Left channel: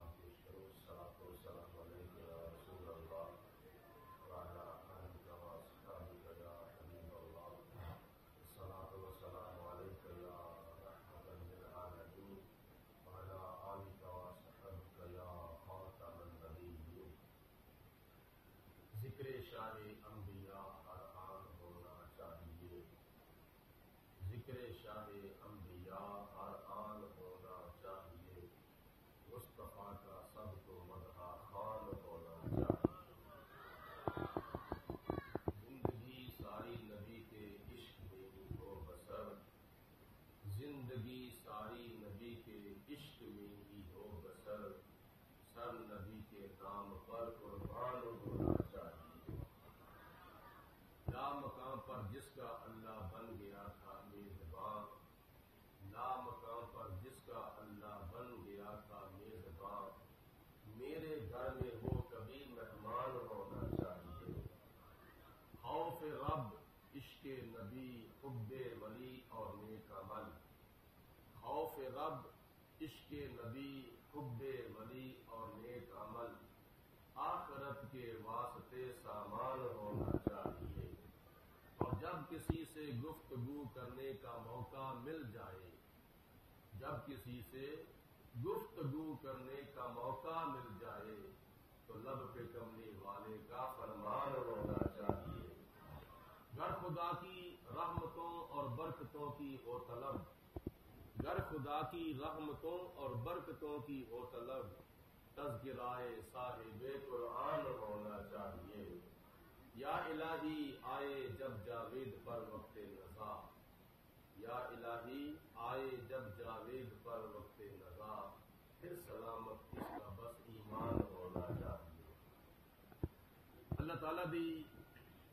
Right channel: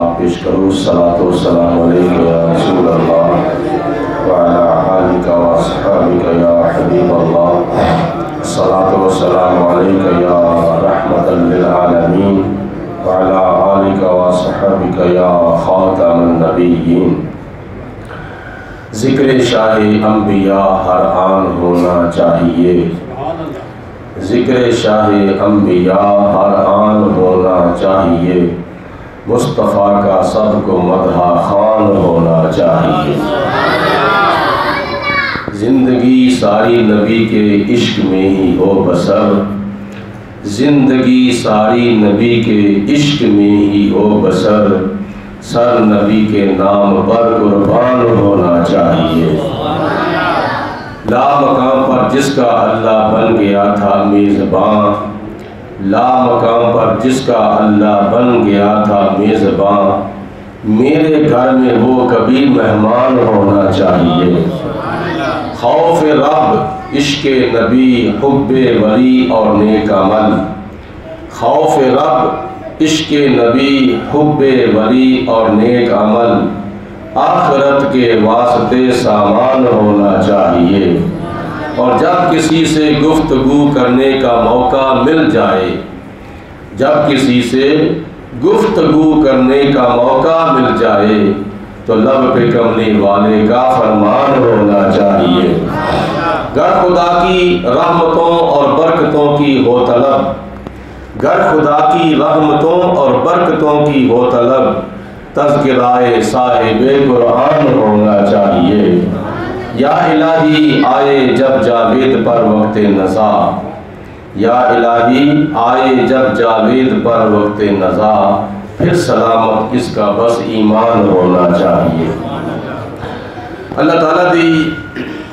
پیش کروں صلاۃ و سلام علیک یا رسول اللہ وعلی آلک و اصحابک یا حبیب اللہ صلاۃ و سلام علیک یا رحمۃ للعالمین وعلی آلک و اصحابک یا خاتم النبیین۔ ذکر شاہ انبیاء ہر آن ہونا چاہیے، ذکر شاہ انبیاء ہر آن ہونا چاہیے، مصطفیٰ کا سب کو مدح خوان ہونا چاہیے۔ زندگی ساری نبی کے عشق میں ہی ہو بسر، زندگی ساری نبی کے عشق میں ہی ہو بسر، سر نبی کے نام پر قربان ہونا چاہیے۔ لا مقام پر جس کا اللہ بن گیا تھا میزباں، لا مقام پر جس کا اللہ بن گیا تھا میزباں، میرے گھر میں وہ کبھی مہمان ہونا چاہیے۔ خوف رب، عشق نبی، حب ولی اور نیک عمل، خوف رب، عشق نبی، حب ولی اور نیک عمل، آخرت کے واسطے سامان ہونا چاہیے۔ اور جب کسی سے گفتگو کرنے کا موقع مل جائے، جب کسی سے گفتگو کرنے کا موقع مل جائے تو لب پہ کملی والے کا فرمان ہونا چاہیے۔ گر خدا کی رحمتوں اور برکتوں کی ہو طلب، گر خدا کی رحمتوں اور برکتوں کی ہو طلب، تذکرہ صاحب قرآن ہونا چاہیے۔ یا الہی آئے جب جاوید پر وقت نزا، یا الہی آئے جب جاوید پر وقت نزا، پھر سلامت اس کا بس ایمان ہونا چاہیے۔ اللہ تعالیٰ دی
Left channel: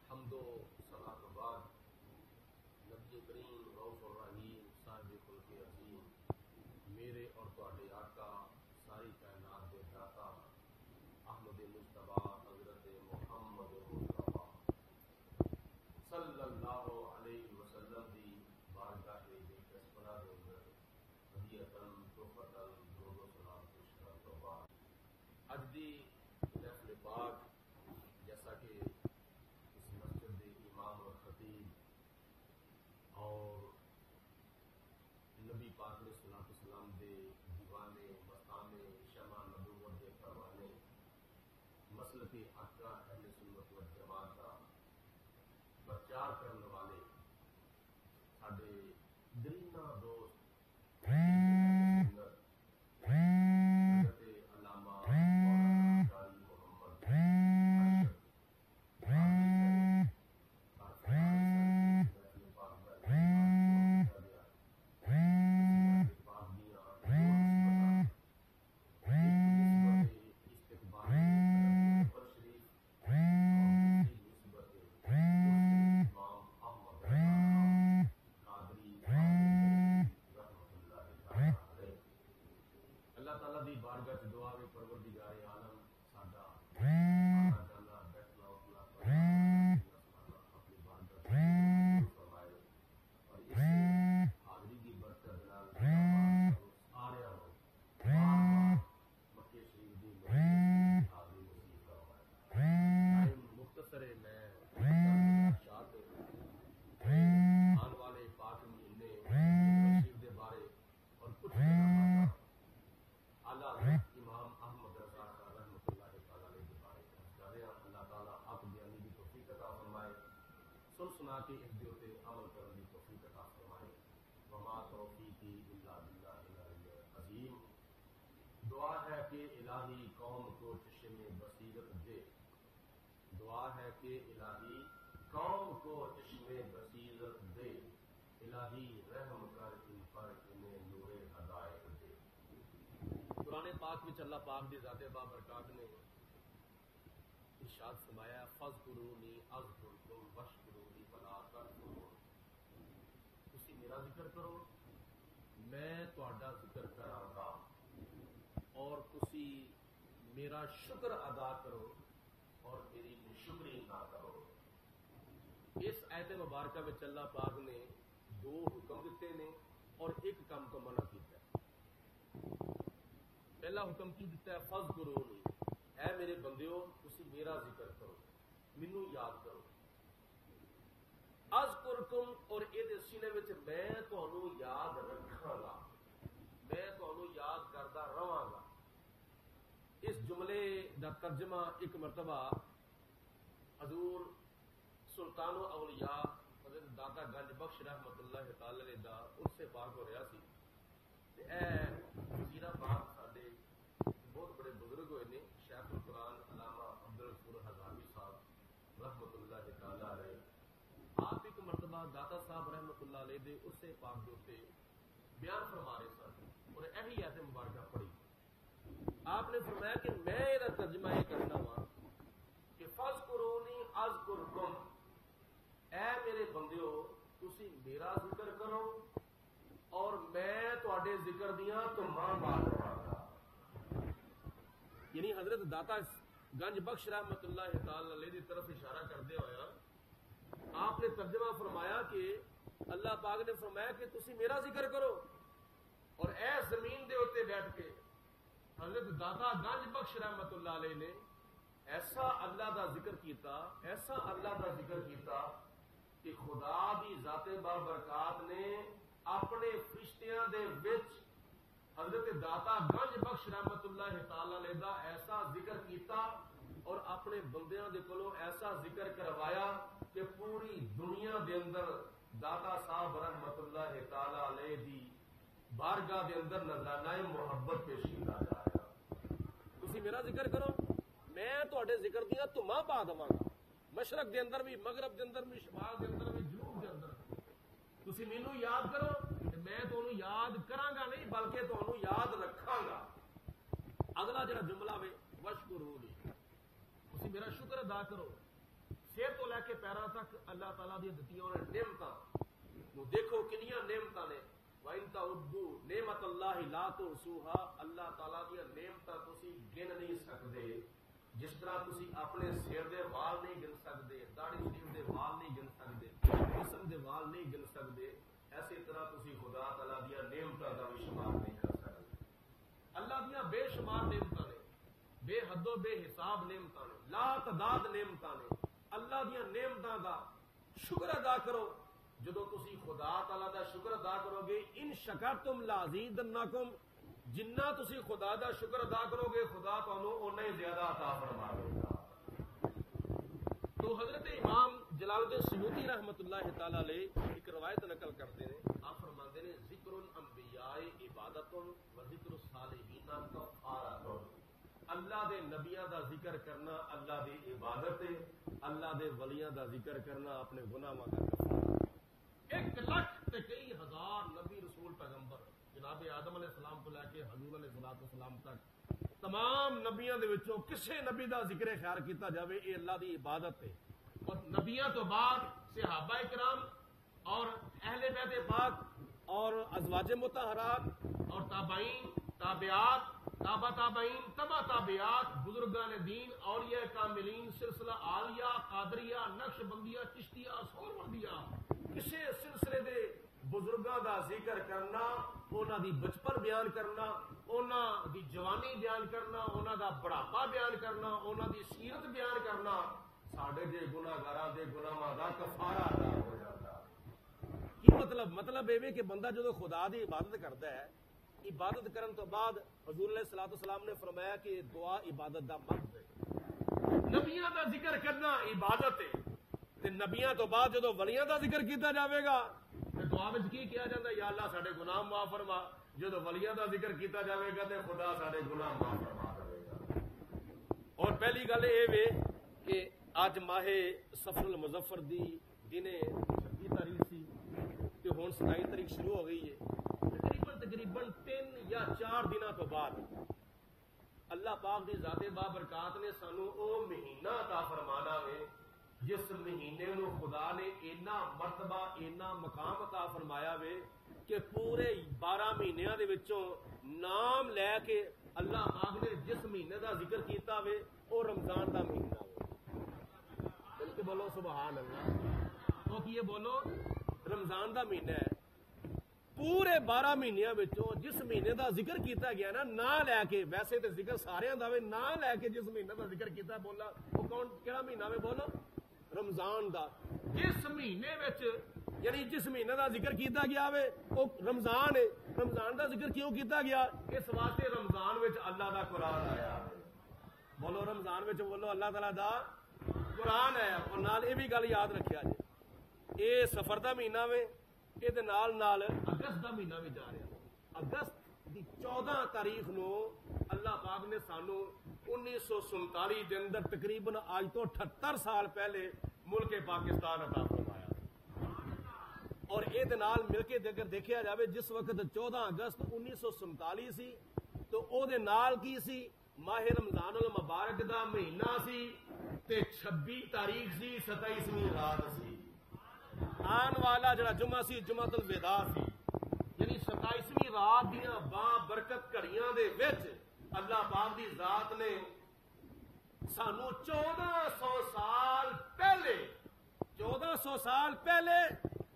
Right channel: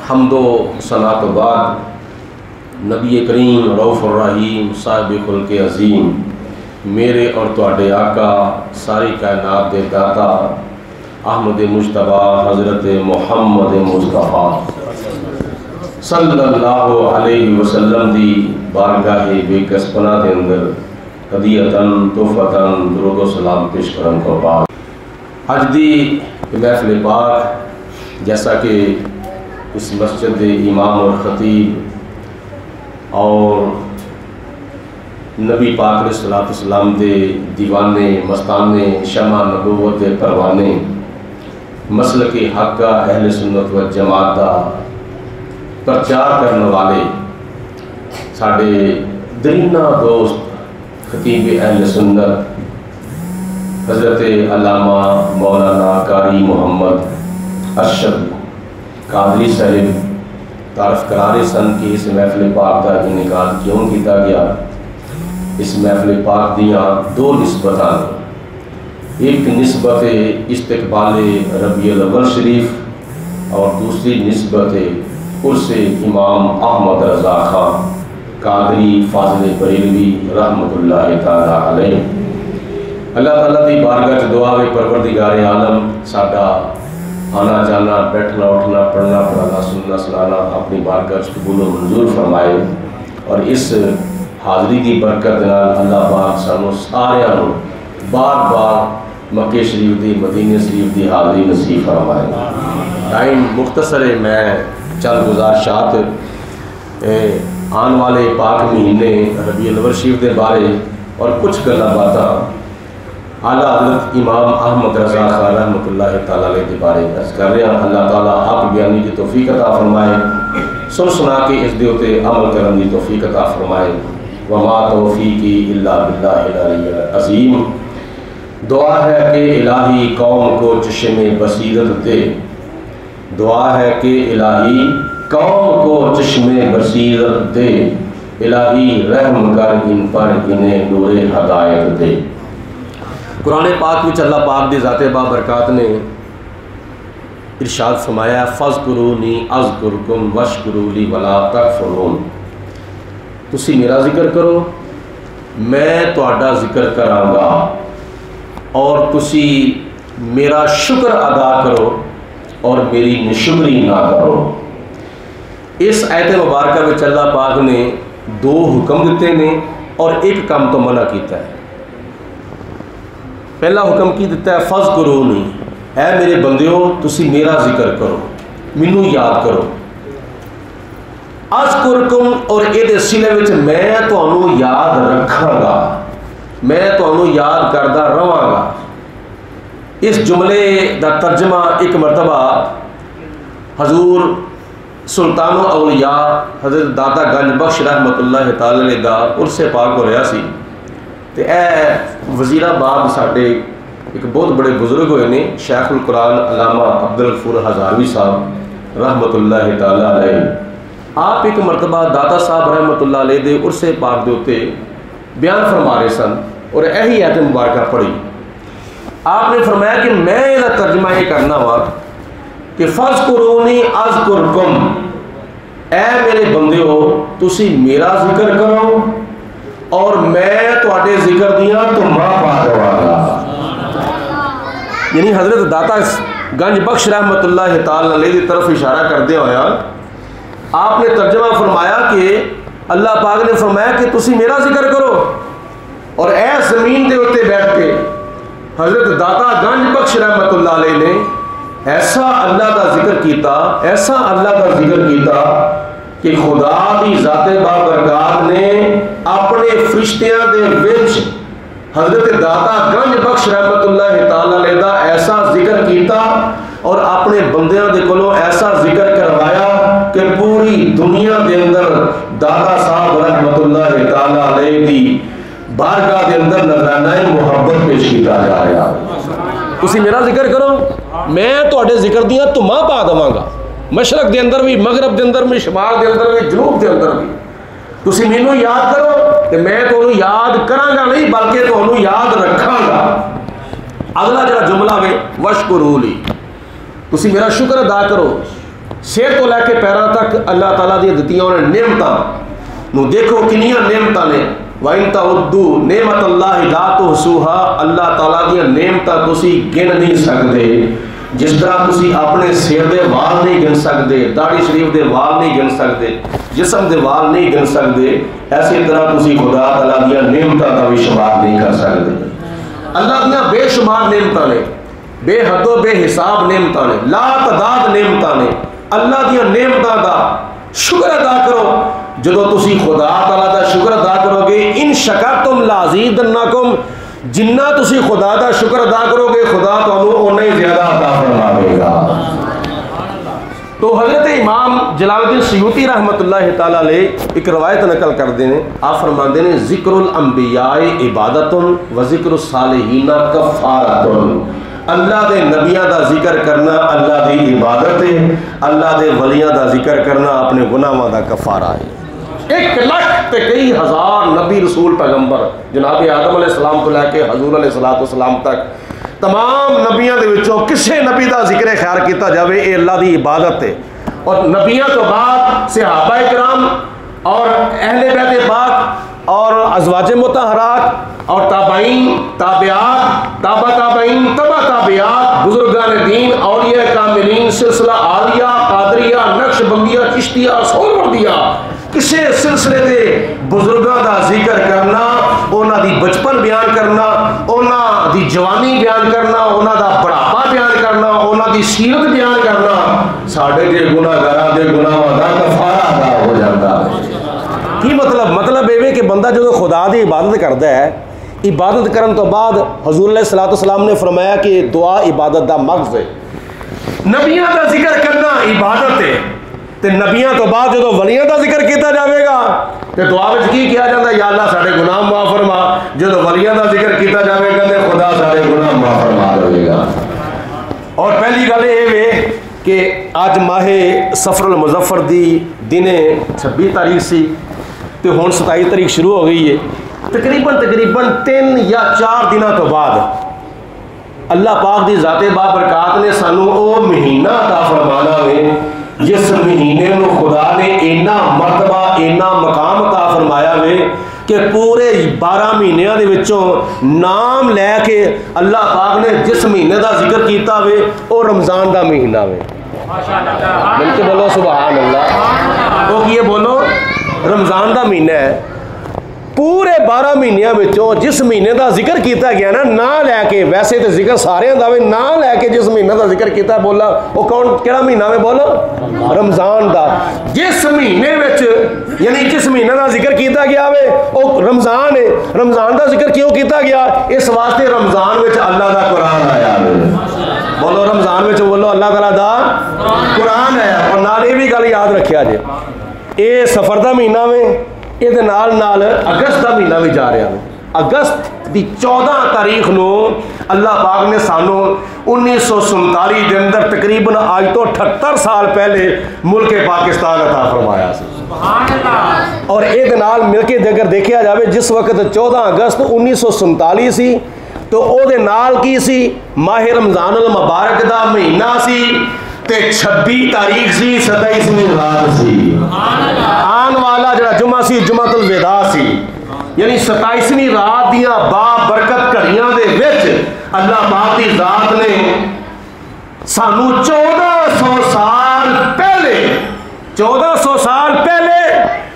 حمد و ثنا تو بعد نبی کریم رؤوف الرحیم صاحب خلق عظیم، میرے اور تواڈے آقا ساری کائنات دے داتا احمد مجتبی حضرت محمد مصطفیٰ صلی اللہ علیہ وسلم دی بارگاہ بے کس پناہ دے اندر ہدیتاً تحفتاً درود و سلام پیش کرن کو بعد، اج دی محفل پاک جیسا کہ اس مسجد دے امام اور خطیب اور نبی پاک علیہ السلام دے دیوانے مستانے شمع نبوت دے پروانے مسلک حق کا اہل سنت و جماعت دا پرچار کرنے والے ساڑے درینہ دوست خطیب اہل سنت حضرت علامہ مولانا قاری محمد ارشد قادری صاحب تعارف کرارے سن کی اس محفل پاک دا انعقاد کیوں کیتا گیا۔ اس محفل پاک دیاں دو نسبتاں، ایک نسبت استقبال ربیع الاول شریف اور دوسری نسبت عرس امام احمد رضا خان قادری فاضل بریلوی رحمۃ اللہ تعالیٰ علیہ۔ اللہ تعالیٰ دی بارگاہ چ دعا ہے پروردگار عالم ساڈا آنا جانا بیٹھنا اٹھنا پڑھنا پڑھانا سننا سنانا اپنی بارگاہ چ قبول و منظور فرمائے، اور اس حاضری دی برکت نال اللہ پاک سانو سارے بار بار مکہ شریف دی مدینہ شریف دی حاضری نصیب فرمائے۔ ٹائم مختصر ہے، میں چند گزارشات آن والے پاک مہینے ربیع الاول شریف دے بارے اور کچھ گلاں باتاں اعلیٰ حضرت امام احمد رضا خان رحمۃ اللہ تعالیٰ علیہ دے بارے عرض کر رہے ہیں۔ اللہ تعالیٰ حق بیانی کی توفیق عطا فرمائے، سن سنا کے اس دے اتے عمل کرنے کی توفیق عطا فرمائے۔ وما توفیقی الا باللہ العلی العظیم۔ دعا ہے کہ الہی قوم کو چشم بصیرت دے، دعا ہے کہ الہی قوم کو چشم بصیرت دے، الہی رحم کر ان پر انہیں نور ہدایت دے۔ قرآن پاک وچ اللہ پاک دی ذات بابرکات نے ارشاد فرمایا فاذکرونی اذکرکم واشکروا لی ولا تکفرون، تسی میرا ذکر کرو میں تہاڈا ذکر کراں گا اور تسی میرا شکر ادا کرو اور میری نشکری نہ کرو۔ اس آیت مبارکہ وچ اللہ پاک نے دو حکم دیتے ہیں اور ایک کام تو منع کیتا ہے۔ پہلا حکم کی دیتا ہے فذکرونی، اے میرے بندیو تسی میرا ذکر کرو، مینوں یاد کرو. اذکرکم، اور یہ سلے وچ میں تانوں یاد رکھاں گا، میں تانوں یاد کردا رہواں گا. اس جملے دا ترجمہ ایک مرتبہ حضور سلطان الاولیاء حضرت داتا گنج بخش رحمت اللہ تعالی علیہ دا عرس پاک ہو رہا سی. تے اے وزیر آباد ساڈے ایک بہت بڑے بزرگ ہوئے نے شیخ القرآن علامہ عبدالغفور ہزاروی صاحب رحمت اللہ تعالی علیہ. آپ ایک مرتبہ داتا صاحب رحمت اللہ علیہ دے عرس پاک دے اتے بیان فرما رہے سن اور یہی آیت مبارکہ پڑھی. آپ نے فرمایا کہ میں یہ ترجمہ یہ کرنا وا کہ فذکرونی اذکرکم، اے میرے بندیو تسی میرا ذکر کرو اور میں تواڈے ذکر دیاں تمہاں پا دواں گا. یعنی حضرت داتا گنج بخش رحمت اللہ تعالی علیہ کی طرف اشارہ کردے ہویا آپ نے ترجمہ فرمایا کہ اللہ پاک نے فرمایا کہ تسی میرا ذکر کرو، اور اے زمین دے اتے بیٹھ کے حضرت داتا گنج بخش رحمت اللہ علیہ نے ایسا اللہ کا ذکر کیتا، ایسا اللہ کا ذکر کیتا کہ خدا دی ذات بابرکات نے اپنے فرشتیاں دے وچ حضرت داتا گنج بخش رحمت اللہ تعالی علیہ دا ایسا ذکر کیتا اور اپنے بندیاں دے کولوں ایسا ذکر کروایا کہ پوری دنیا دے اندر داتا صاحب رحمت اللہ تعالی علیہ دی بارگاہ دے اندر نذرانہ محبت پیش کیتا جا رہا. تسی میرا ذکر کرو، میں تواڈے ذکر دیاں تمہاں پا دواں گا، مشرق دے اندر بھی، مغرب دے اندر بھی، شمال دے اندر بھی، جنوب دے اندر بھی. تسی مینوں یاد کرو کہ میں تانوں یاد کراں گا نہیں بلکہ تانوں یاد رکھاں گا. اگلا جڑا جملہ ہے وشکرولی، تسی میرا شکر ادا کرو. سر تو لے کے پیراں تک اللہ تعالیٰ دی دتیاں انہاں نعمتاں نو دیکھو کنیاں نعمتاں نے. وَإِن تَعُدُّوا نِعْمَتَ اللَّهِ لَا تُحْصُوهَا، اللہ تعالیٰ دیا نعمتاں تسی گن نہیں سکتے. جس طرح تسی اپنے سر دے وال نہیں گن سکتے، داڑھی شریف دے وال نہیں گن سکتے، جسم دے وال نہیں گن سکتے، ایسی طرح تسی خدا تعالیٰ دیا نعمتاں کا بھی شمار نہیں کر سکتے. اللہ دیا بے شمار نعمتاں نے، بے حد و بے حساب نعمتاں نے، لا تعداد نعمتاں نے. اللہ دیا نعمتاں دا شکر ادا کرو. جدو تسی خدا تعالیٰ دا شکر ادا کرو گے ان شکرتم لازیدنکم، جنہ تسی خدا دا شکر ادا کرو گے خدا تانوں اونا ہی زیادہ عطا فرماوے گا. تو حضرت امام جلال الدین سیوطی رحمت اللہ تعالیٰ علیہ ایک روایت نقل کردے ہیں. آپ فرماندے نے ذکر الانبیاء عبادت و ذکر الصالحین کفارت. اللہ دے نبیاں دا ذکر کرنا اللہ دی عبادت ہے، اللہ دے ولیاں دا ذکر کرنا اپنے گناہاں دا کفارہ ہے. 1 لاکھ تے کئی ہزار نبی رسول پیغمبر جناب آدم علیہ السلام تو لے کے حضور علیہ السلام تک تمام نبیاں دے وچوں کسے نبی دا ذکر خیر کیتا جاوے اے اللہ دی عبادت ہے. اور نبیاں تو بعد صحابہ کرام اور اہل بیت پاک اور ازواج مطہرات اور تابعین، تابعات، تابع تابعین، تبع تابعات، بزرگان دین، اولیاء کاملین، سلسلہ عالیہ، قادریہ، نقش بندیہ، چشتیہ، سہروردیہ، کسے سلسلے دے بزرگاں دا ذکر کرنا، اونا دی بچپن بیان کرنا، اونا دی جوانی بیان کرنا، اونا دا بڑھاپا بیان کرنا، اونا دی سیرت بیان کرنا، ساڑھے دے گناہگاراں دے گناہاں دا کفارہ ادا ہو جاتا ہے. کی مطلب یہ کہ بندہ جو خدا دی عبادت کرتا ہے، عبادت کرن تو بعد حضور علیہ السلام نے فرمایا کہ دعا عبادت دا مغز ہے. نبیاں دا ذکر کرنا عبادت ہے، تے نبیاں تو بعد جو ولیاں دا ذکر کیتا جاوے گا تے دعا وچ کی کیا جاتا ہے، یا اللہ ساڈے گناہ معاف فرما. جو ولیاں دا ذکر کیتا جاوے گا تے خدا ساڈے گناہ معاف فرما دے گا. اور پہلی گل یہ ہے کہ اج ماہ صفر المظفر دی دن 26 تاریخ سی تے ہن 27 تاریخ شروع ہو گئی ہے. تقریباً 3 یا 4 دنوں تو بعد اللہ پاک دی ذات بابرکات نے سانو او مہینہ عطا فرمانا ہے جس مہینے نو خدا نے اینا مرتبہ اینا مقام عطا فرمایا ہے کہ پورے 12 مہینیاں دے وچوں نام لے کے اللہ پاک نے جس مہینے دا ذکر کیتا ہوئے او رمضان دا مہینہ ہوئے. مل کے بولو سبحان اللہ. وہ کیے بولو رمضان دا مہینہ ہے. پورے 12 مہینوں وچوں جس مہینے دا ذکر کیتا گیا نا لے کے، ویسے تو ذکر سارے دا وے، نا لے کے جس مہینے دا ذکر کیتا بولا وہ کون کیڑا مہینہ میں بولو؟ رمضان دا. جس مہینے وچ یعنی جس مہینے دا ذکر کیتا گیا وے وہ رمضان ہے. رمضان دا ذکر کیوں کیتا گیا؟ اس واسطے رمضان وچ اللہ دا قرآن آیا وے. بولو رمضان وچ بولو اللہ تعالیٰ دا قرآن آیا. اور نال یہ بھی گل یاد رکھیا جے، یہ سفر دا مہینہ میں یہ نال اگست کا مہینہ بھی جا رہا ہے. اگست دی 14 تاریخ نو اللہ پاک نے سانو 1947 دے اندر تقریباً آج تو 78 سال پہلے ملک پاکستان عطا فرمایا سی. اور یہ نال مل کے اگر دیکھا جائے جس وقت 14 اگست 1947 سی تو او دے نال کی سی ماہ رمضان المبارک دا مہینہ سی تے 26 تاریخ سی 27ویں رات سی. آن والا جڑا جمعہ سی جمعۃ الوداع سی، یعنی 27ویں رات دیاں با برکت گھڑیاں دے وچ اللہ پاک دی ذات نے سانو 1400 سال پہلے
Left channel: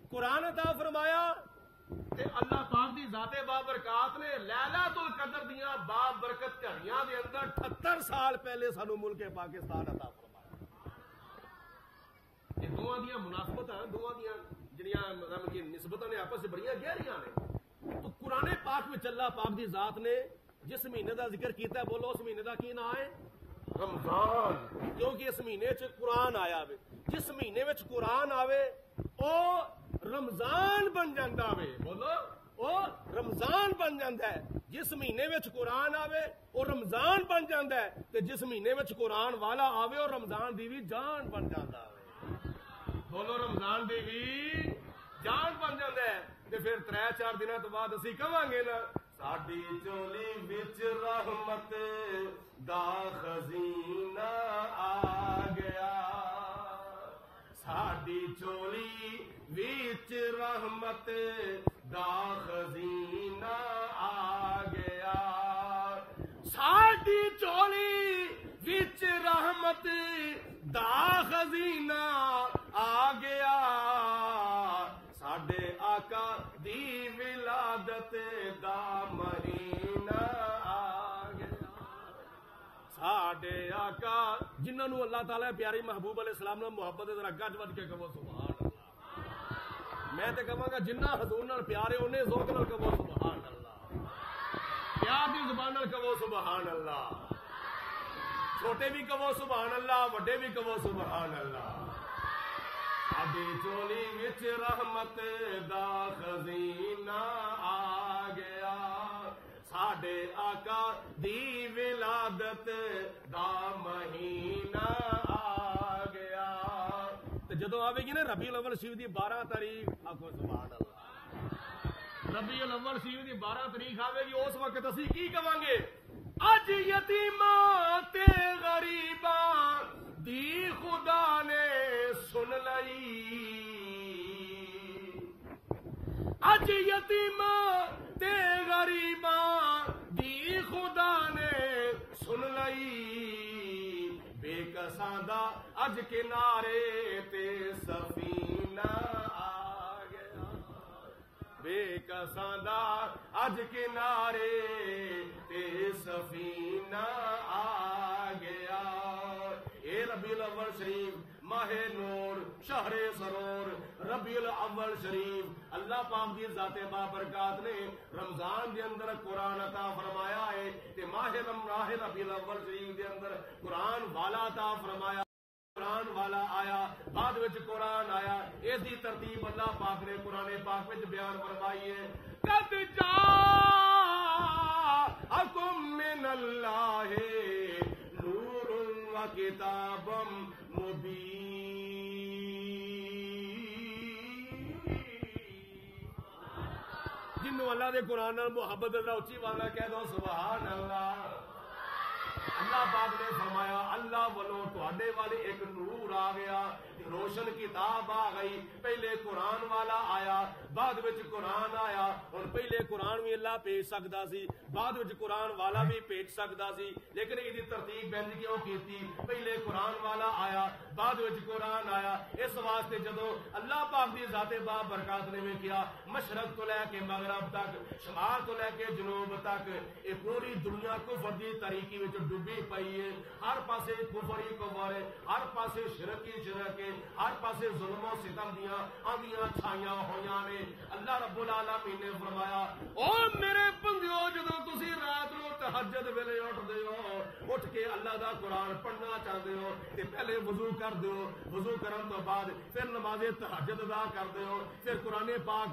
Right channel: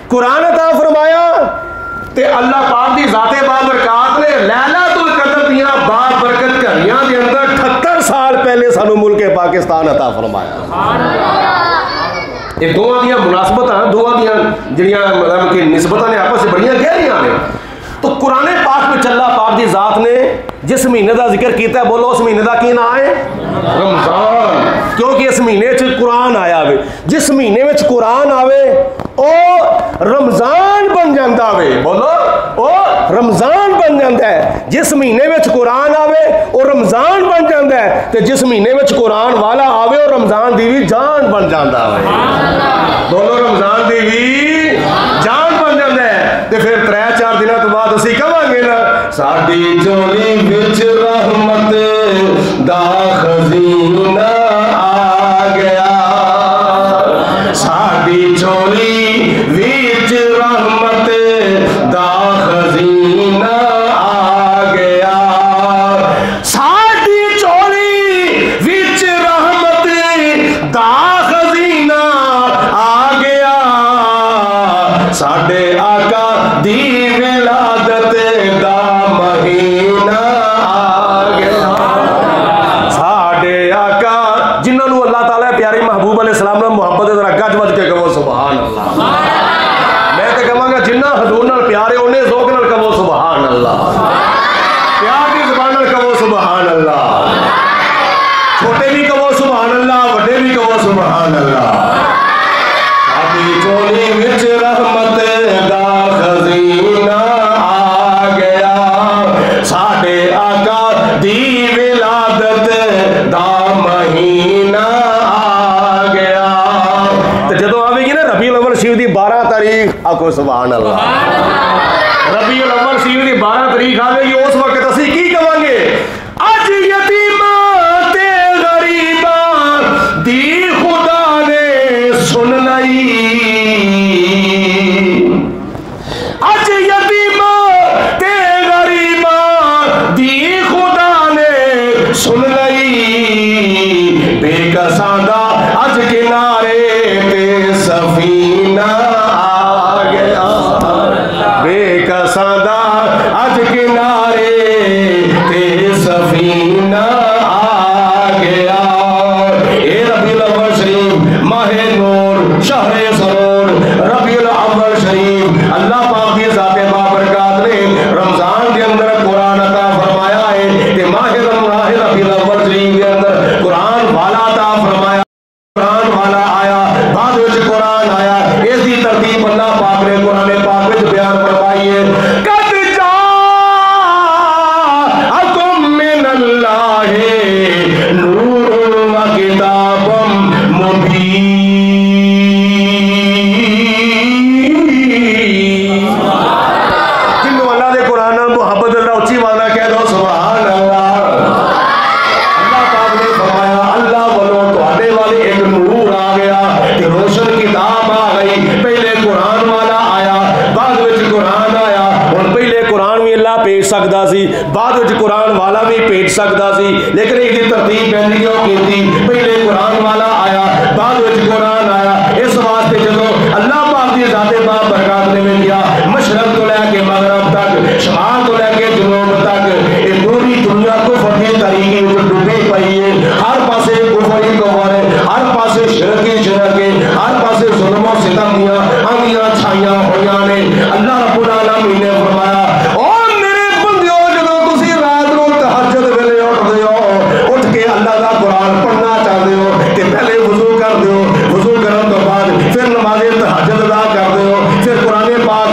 قرآن عطا فرمایا تے اللہ پاک دی ذات با برکات نے لیلۃ القدر دیاں با برکت گھڑیاں دے اندر 78 سال پہلے سانو ملک پاکستان عطا فرمایا. یہ دونوں دیا مناسبت ہیں، دونوں دیا جڑیاں مطلب کہ نسبتاں نے آپس سے بڑیاں گہریاں نے. تو قرآن پاک میں اللہ پاک دی ذات نے جس مہینے دا ذکر کیتا ہے بولو اس مہینے دا کی نام ہے؟ رمضان. کیونکہ اس مہینے چ قرآن آیا وے. جس مہینے وچ قرآن آوے او رمضان بن جاندا وے. بولو او رمضان بن جاندا ہے. جس مہینے وچ قرآن آوے او رمضان بن جاندا ہے تے جس مہینے وچ قرآن والا آوے او رمضان دی بھی جان بن جاندا وے. بولو رمضان دی بھی جان بن جاندا ہے. تے پھر 3-4 دنوں تو بعد اسی کہاں گے نا ساڈی جولی وچ رحمت دا خزینہ آ گیا. ساڈی جولی وچ رحمت دا خزینہ آ گیا. ساڈی جولی وچ رحمت دا خزینہ آ گیا. ساڈے آقا دی ولادت دا مہینہ آ گیا. ساڈے آقا جنہوں نے اللہ تعالیٰ پیارے محبوب علیہ السلام نے محبت ذرا گج وج کے کہو سبحان اللہ. میں تو کہاں گا جنہ حضور نال پیارے انہیں ذوق نال کہو سبحان اللہ. پیار کی زبان نال کہو سبحان اللہ. چھوٹے بھی کہو سبحان اللہ، بڑے بھی کہو سبحان اللہ. ساڈی چولی وچ رحمت دا خزینہ آ گیا. ساڈے آقا دی ولادت دا مہینہ آ گیا. تے جدوں آوے گی نا ربیع الاول شریف دی 12 تاریخ آکھو سبحان اللہ. ربیع الاول شریف دی 12 تاریخ آوے گی اس وقت اسی کی کہاں گے؟ اج یتیماں تے غریباں دی خدا نے سن لئی. اج یتیماں تے غریباں دی خدا نے سن لئی. بے کساں دا اج کنارے تے سفینہ آ گیا. بے کساں دا اج کنارے تے سفینہ آ گیا. اے ربیع الاول شریف ماہ نور شہر سرور ربیع الاول شریف اللہ پاک دی ذات بابرکات نے رمضان کے اندر قرآن عطا فرمایا ہے کہ ماہ ربیع الاول شریف کے اندر قرآن والا عطا فرمایا. قرآن والا آیا بعد وچ قرآن آیا. اس دی ترتیب اللہ پاک نے قرآن پاک وچ بیان فرمائی ہے. قد جاءکم من اللہ نور و کتاب مبین. جنوں اللہ دے قرآن نال محبت اللہ اچھی والا کہہ دو سبحان اللہ. اللہ پاک نے فرمایا اللہ والوں تواڈے والے ایک نور آ گیا کہ روشن کتاب آ گئی. پہلے قرآن والا آیا بعد وچ قرآن آیا. ہن پہلے قرآن بھی اللہ بھیج سکدا سی بعد وچ قرآن والا بھی بھیج سکدا سی لیکن ایک دی ترتیب پہلی کیوں کیتی؟ پہلے قرآن والا آیا بعد وچ قرآن آیا. اس واسطے جدوں اللہ پاک دی ذات با برکات نے کیا مشرق تو لے کے مغرب تباہی ہے, ہر پاسے کفر ہی کفر ہے, ہر پاسے شرک ہی شرک ہے, ہر پاسے ظلم و ستم دیاں آندیاں چھائیاں ہویاں نے. اللہ رب العالمین نے فرمایا او میرے بندیو جدوں تسی رات نوں تہجد ویلے اٹھدے ہو, اٹھ کے اللہ دا قرآن پڑھنا چاہتے ہو کہ پہلے وضو کر دیو, وضو کرن تو بعد پھر نماز تہجد ادا کر دیو, پھر قرآن پاک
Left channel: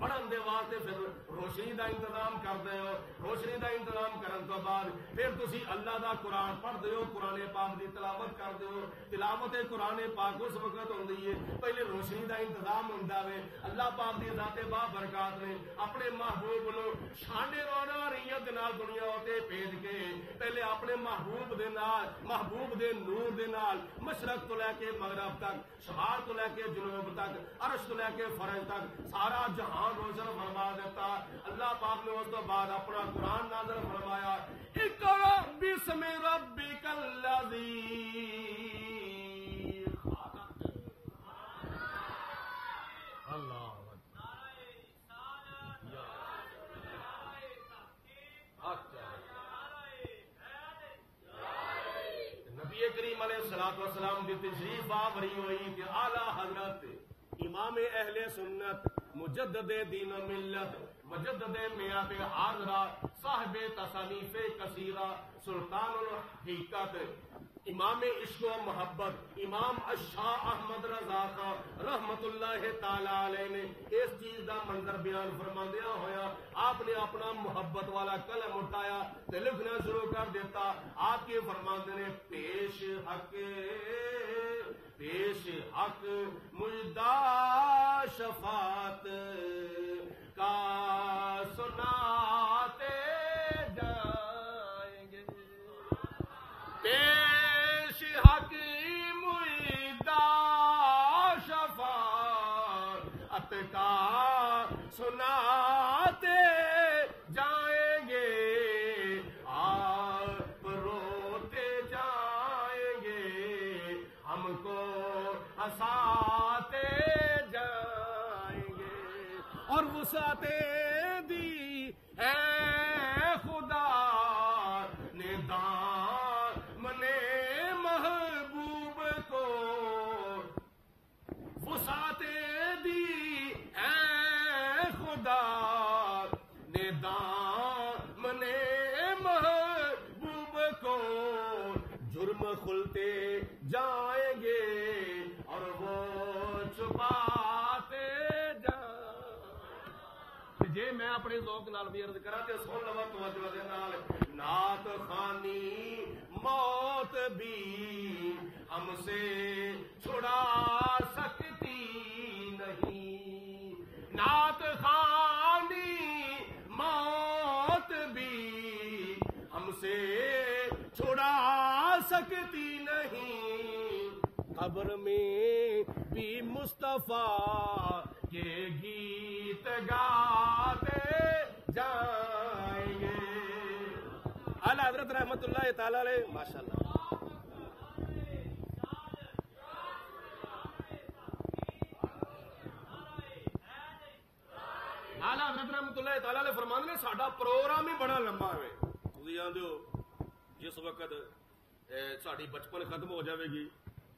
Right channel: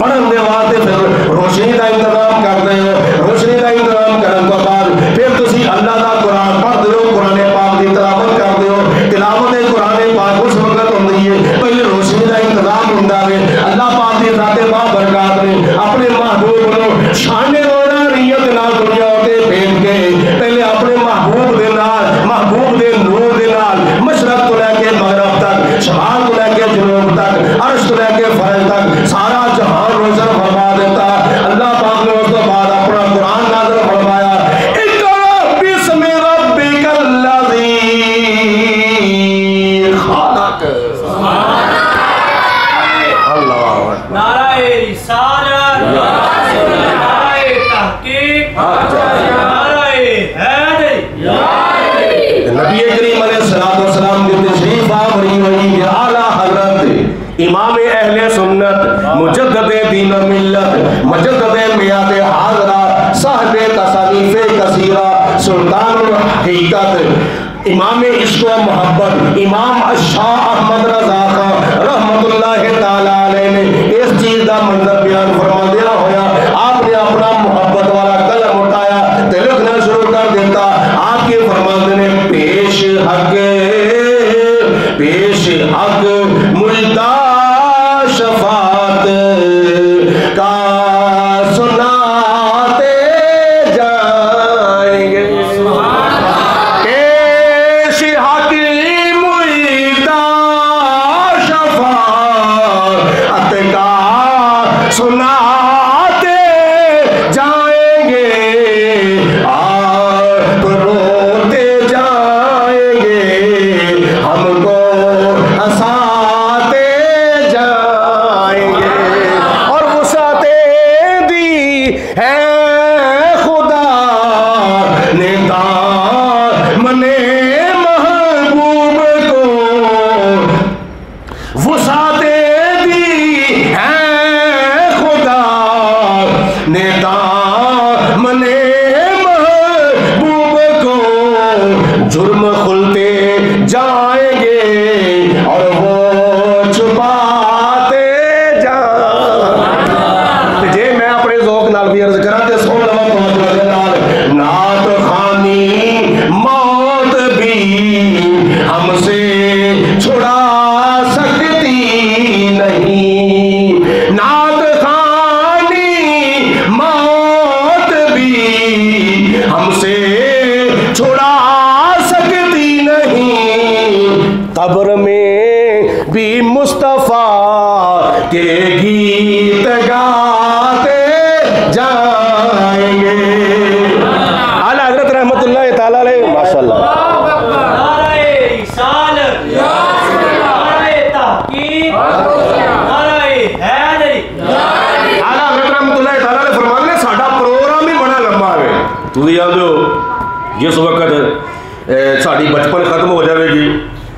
پڑھن دے واسطے پھر روشنی دا انتظام کرتے ہو, روشنی دا انتظام کرن تو بعد پھر تسی اللہ دا قرآن پڑھ دیو, قرآن پاک دی تلاوت کر دیو. تلاوت قرآن پاک اس وقت ہوندی ہے پہلے روشنی دا انتظام ہوندا ہے. اللہ پاک دی ذات بابرکات نے اپنے محبوب نو شان روحانیت نال دنیا تے بھیج کے پہلے اپنے محبوب دے نال, محبوب دے نور دے نال مشرق تو لے کے مغرب تک, شمال تو لے کے جنوب تک, عرش تو لے کے فرش تک سارا جہان روشن فرما دیتا. اللہ پاک نے اس تو بعد اپنا قرآن نازل فرمایا اقرأ بسم ربک الذی خلق. اللہ نعرہ رسالت، نعرہ تحقیق، نعرہ حیدری. نبی کریم علیہ السلام کی تشریف آوری ہوئی کہ اعلیٰ حضرت امام اہل سنت مجدد دین و ملت مجدد میات حاضرہ صاحب تصانیف کثیرہ سلطان الحقیقت امام عشق و محبت امام الشاہ احمد رضا خان رحمت اللہ تعالی علیہ نے اس چیز کا منظر بیان فرما دیا ہویا. آپ نے اپنا محبت والا قلم اٹھایا تے لکھنا شروع کر دیتا. آپ کے فرماندے نے پیش حق ملتا شفاعت کا سناتے جائیں گے. پیش حق ملتا شفاعت کا سناتے جائیں گے. آپ روتے جائیں گے, ہم کو ہنساتے جائیں گے. اور وسعتیں دی ہے خدا نے دامن محبوب کو, وسعتیں دی ہے خدا نے دامن محبوب کو. جرم کھلتے جائیں گے اور وہ چھپاتے جائیں گے. جے میں اپنے ذوق نال بھی عرض کراں تے سن لو توجہ دے نال. نعت خوانی موت بھی ہم سے چھڑا سکتی نہیں. نعت خوانی موت بھی ہم سے چھڑا سکتی نہیں. قبر میں بھی مصطفیٰ کے گیت گاتے جائیں گے. اعلیٰ حضرت رحمت اللہ تعالیٰ علیہ ماشاءاللہ. نعرہ رسالت، نعرہ تحقیق، نعرہ حیدری. اعلیٰ حضرت رحمت اللہ تعالیٰ علیہ فرماتے ہیں ساڈا پروگرام ہی بڑا لمبا ہے. تسی یاد ہو جس وقت ساڈی بچپن ختم ہو جائے گی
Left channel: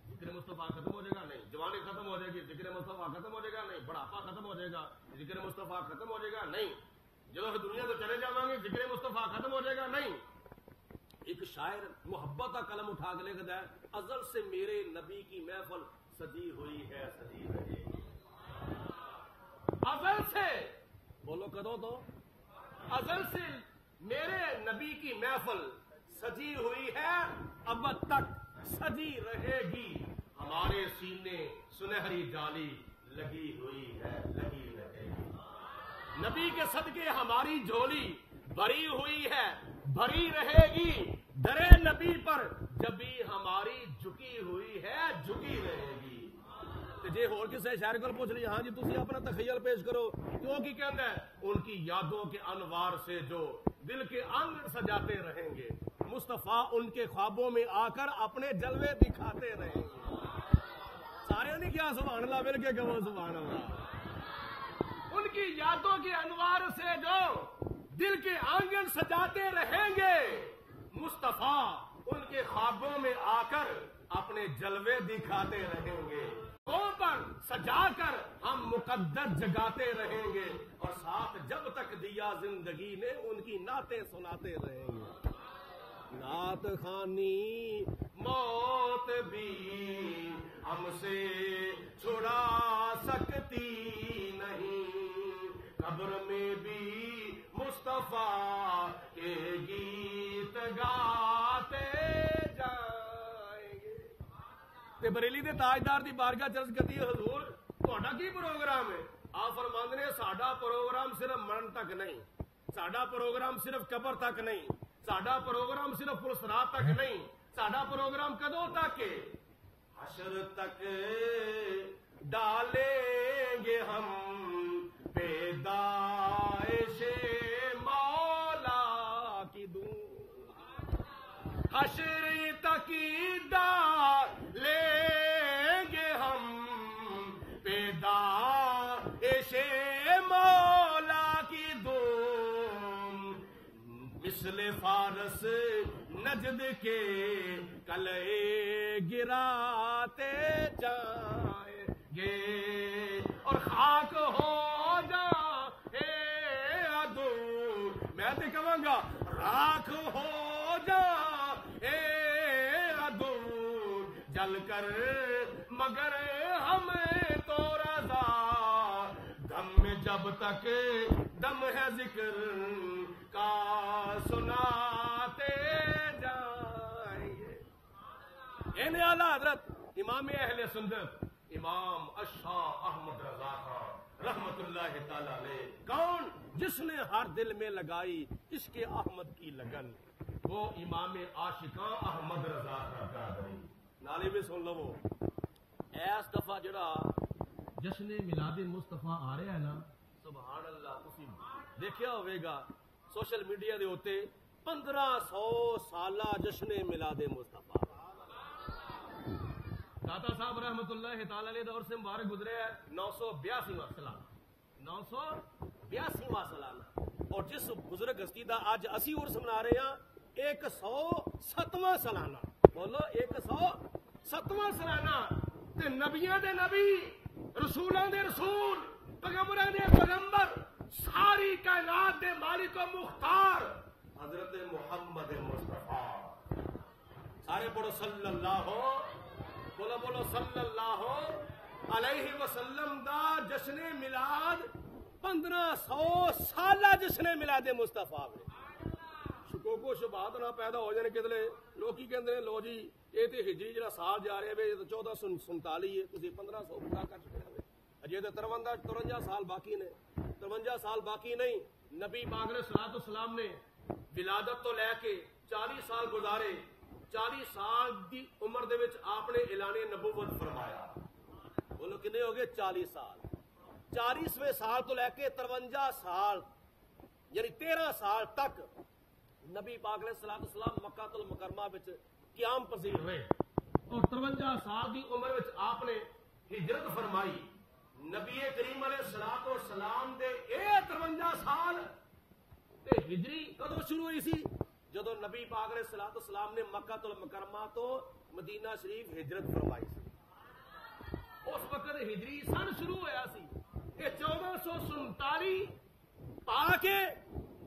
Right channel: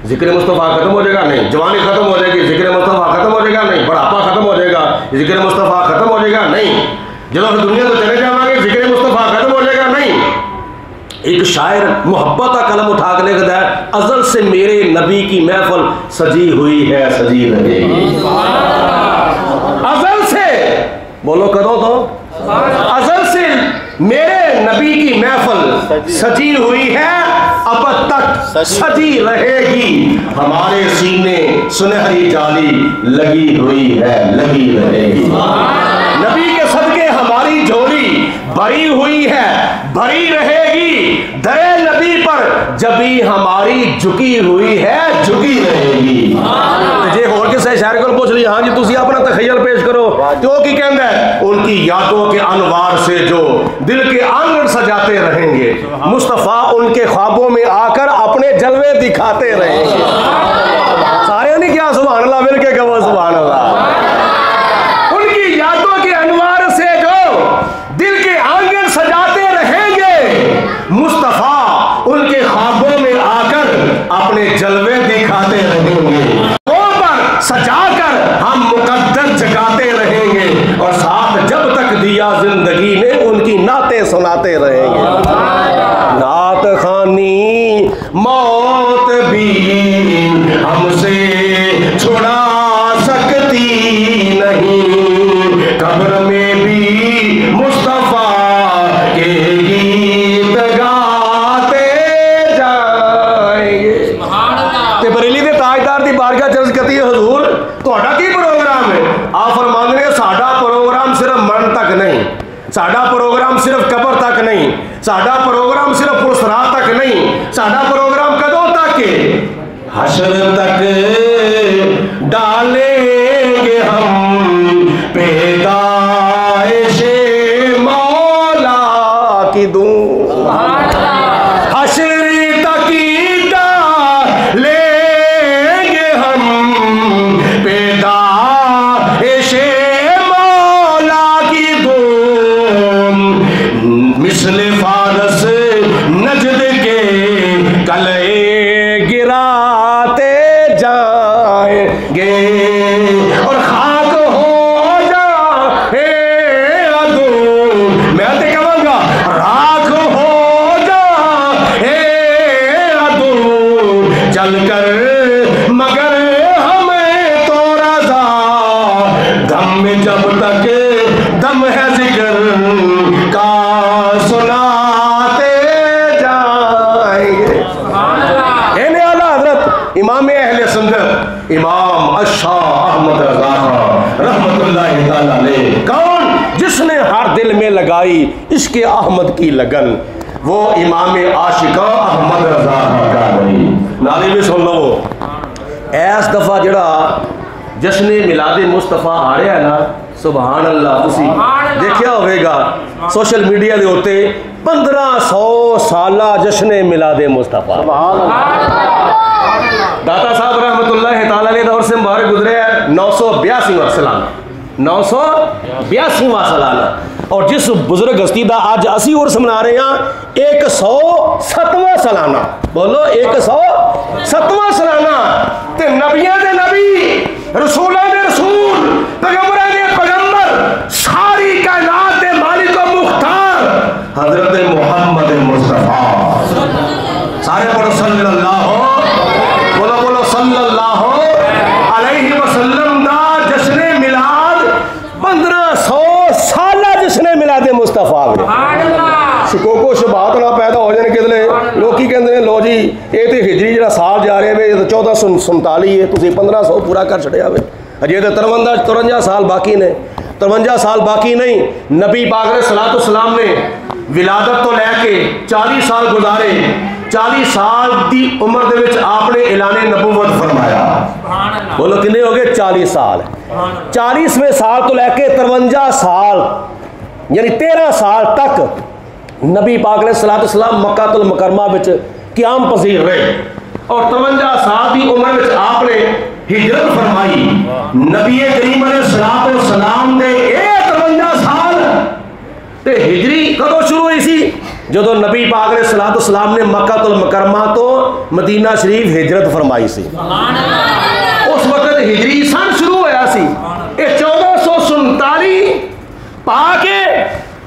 ذکر مصطفیٰ ختم ہو جائے گا نہیں, جوانی ختم ہو جائے گی ذکر مصطفیٰ ختم ہو جائے گا نہیں, بڑھاپا ختم ہو جائے گا ذکر مصطفیٰ ختم ہو جائے گا نہیں, جب ہم دنیا تو چلے جائیں گے ذکر مصطفیٰ ختم ہو جائے گا نہیں. ایک شاعر محبت کا قلم اٹھا کے لکھتا ہے ازل سے میرے نبی کی محفل سجی ہوئی ہے سجی رہے گی. ازل سے بولو کدو تو ازل سے میرے نبی کی محفل سجی ہوئی ہے اب تک سجی رہے گی. ہمارے سینے سنہری جالی لگی ہوئی ہے لگی رہے گی. نبی کے صدقے ہماری جھولی بھری ہوئی ہے بھری رہے گی. در نبی پر جبھی ہماری جھکی ہوئی ہے جھکی رہے گی. جے اور کسی شاعر کو پوچھ لیا ہاں جی تسی اپنا تخیل پیش کرو تو وہ کی کہندا ہے ان کی یادوں کے انوار سے جو دل کے آنگن سجاتے رہیں گے. مصطفیٰ ان کے خوابوں میں آ کر اپنے جلوے دکھاتے رہیں گے. سارے نہیں کیا سبحان اللہ مل کے کہو سبحان اللہ. ان کی یادوں کے انوار سے جو دل کے آنگن سجاتے رہیں گے. مصطفیٰ ان کے خوابوں میں آ کر اپنے جلوے دکھاتے رہیں گے، پر سجا کر ہم مقدر جگاتے رہیں گے، اور ساتھ جب تک دیا زندگی نے ان کی نعتیں سناتے رہیں گے۔ نعت خوانی موت بھی ہم سے چھڑا سکتی نہیں، قبر میں بھی مصطفیٰ کے گیت گاتے جائیں گے۔ تے بریلی دے تاجدار دی بارگاہ چرز کہتی ہے حضور تہاڈا کی پروگرام ہے؟ آپ فرماندے نے ساڈا پروگرام صرف مرن تک نہیں، ساڈا پروگرام صرف قبر تک نہیں، ساڈا پروگرام صرف پرسرات تک نہیں، ساڈا پروگرام کدوں تک ہے؟ حشر تک ڈالیں گے ہم پیدائش مولا کی دوں، حشر تک ڈالیں گے ہم پیدائش مولا کی دوں، مثل فارس نجد کے کلے گراتے جائیں گے، اور خاک ہو جائے عدو، میں تے کہوں گا راکھ ہو جائے عدو چل کر، مگر ہمیں تو رضا دم میں جب تک دم ہے ذکر کا سناتے جائیں گے۔ اے اعلیٰ حضرت امام اہل سنت امام الشاہ احمد رضا رحمت اللہ تعالیٰ علیہ، کون؟ جس نے ہر دل میں لگائی عشق احمد کی لگن، وہ امام عاشقاں احمد رضا کا نہیں۔ نالی بھی سن لو، ایس دفعہ جڑا جشن میلاد مصطفیٰ آ رہا ہے نا، سبحان اللہ، تسی دیکھیا ہوئے گا سوشل میڈیا دے ہوتے 1500 سالہ جشن میلاد مصطفیٰ، داتا صاحب رحمت اللہ تعالیٰ علیہ دور سے مبارک گزرے ہیں 982واں سالانہ، 982واں سالانہ، اور جس بزرگ ہستی دا آج اسی عرس منا رہے ہیں 107واں سالانہ، بولو 107واں سالانہ، تے نبیاں دے نبی، رسولاں دے رسول، پیغمبراں دے پیغمبر، ساری کائنات دے مالک و مختار حضرت محمد مصطفیٰ، سارے پڑھو صلی اللہ بولو صلی اللہ علیہ وسلم دا جشن میلاد 1500 سالہ جشن میلاد مصطفیٰ میں شکوکو شبہات نہ پیدا ہو جانے کے لئے لوگ کی کہندے ہیں لو جی یہ تو ہجری جڑا سال جا رہے ہیں 1447 ہے، تسی 1500 پورا کر چھڑیا ہوئے، اجے تو 53 سال باقی نے، 53 سال باقی نہیں۔ نبی پاک علیہ الصلوۃ والسلام نے ولادت تو لے کے 40 سال گزارے، 40 سال دی عمر دے وچ آپ نے اعلان نبوت فرمایا، بولو کنے ہو گئے 40 سال، 40ویں سال تو لے کے 53 سال یعنی 13 سال تک نبی پاک علیہ الصلوۃ والسلام مکہ المکرمہ وچ قیام پذیر رہے، اور 53 سال دی عمر وچ آپ نے ہجرت فرمائی۔ نبی کریم علیہ الصلوۃ والسلام نے 53 سال تے ہجری کدوں شروع ہوئی سی؟ جدو نبی پاک علیہ الصلوۃ والسلام نے مکہ المکرمہ تو مدینہ شریف ہجرت فرمائی سی، اس وقت ہجری سن شروع ہویا سی، یہ 1447 پا کے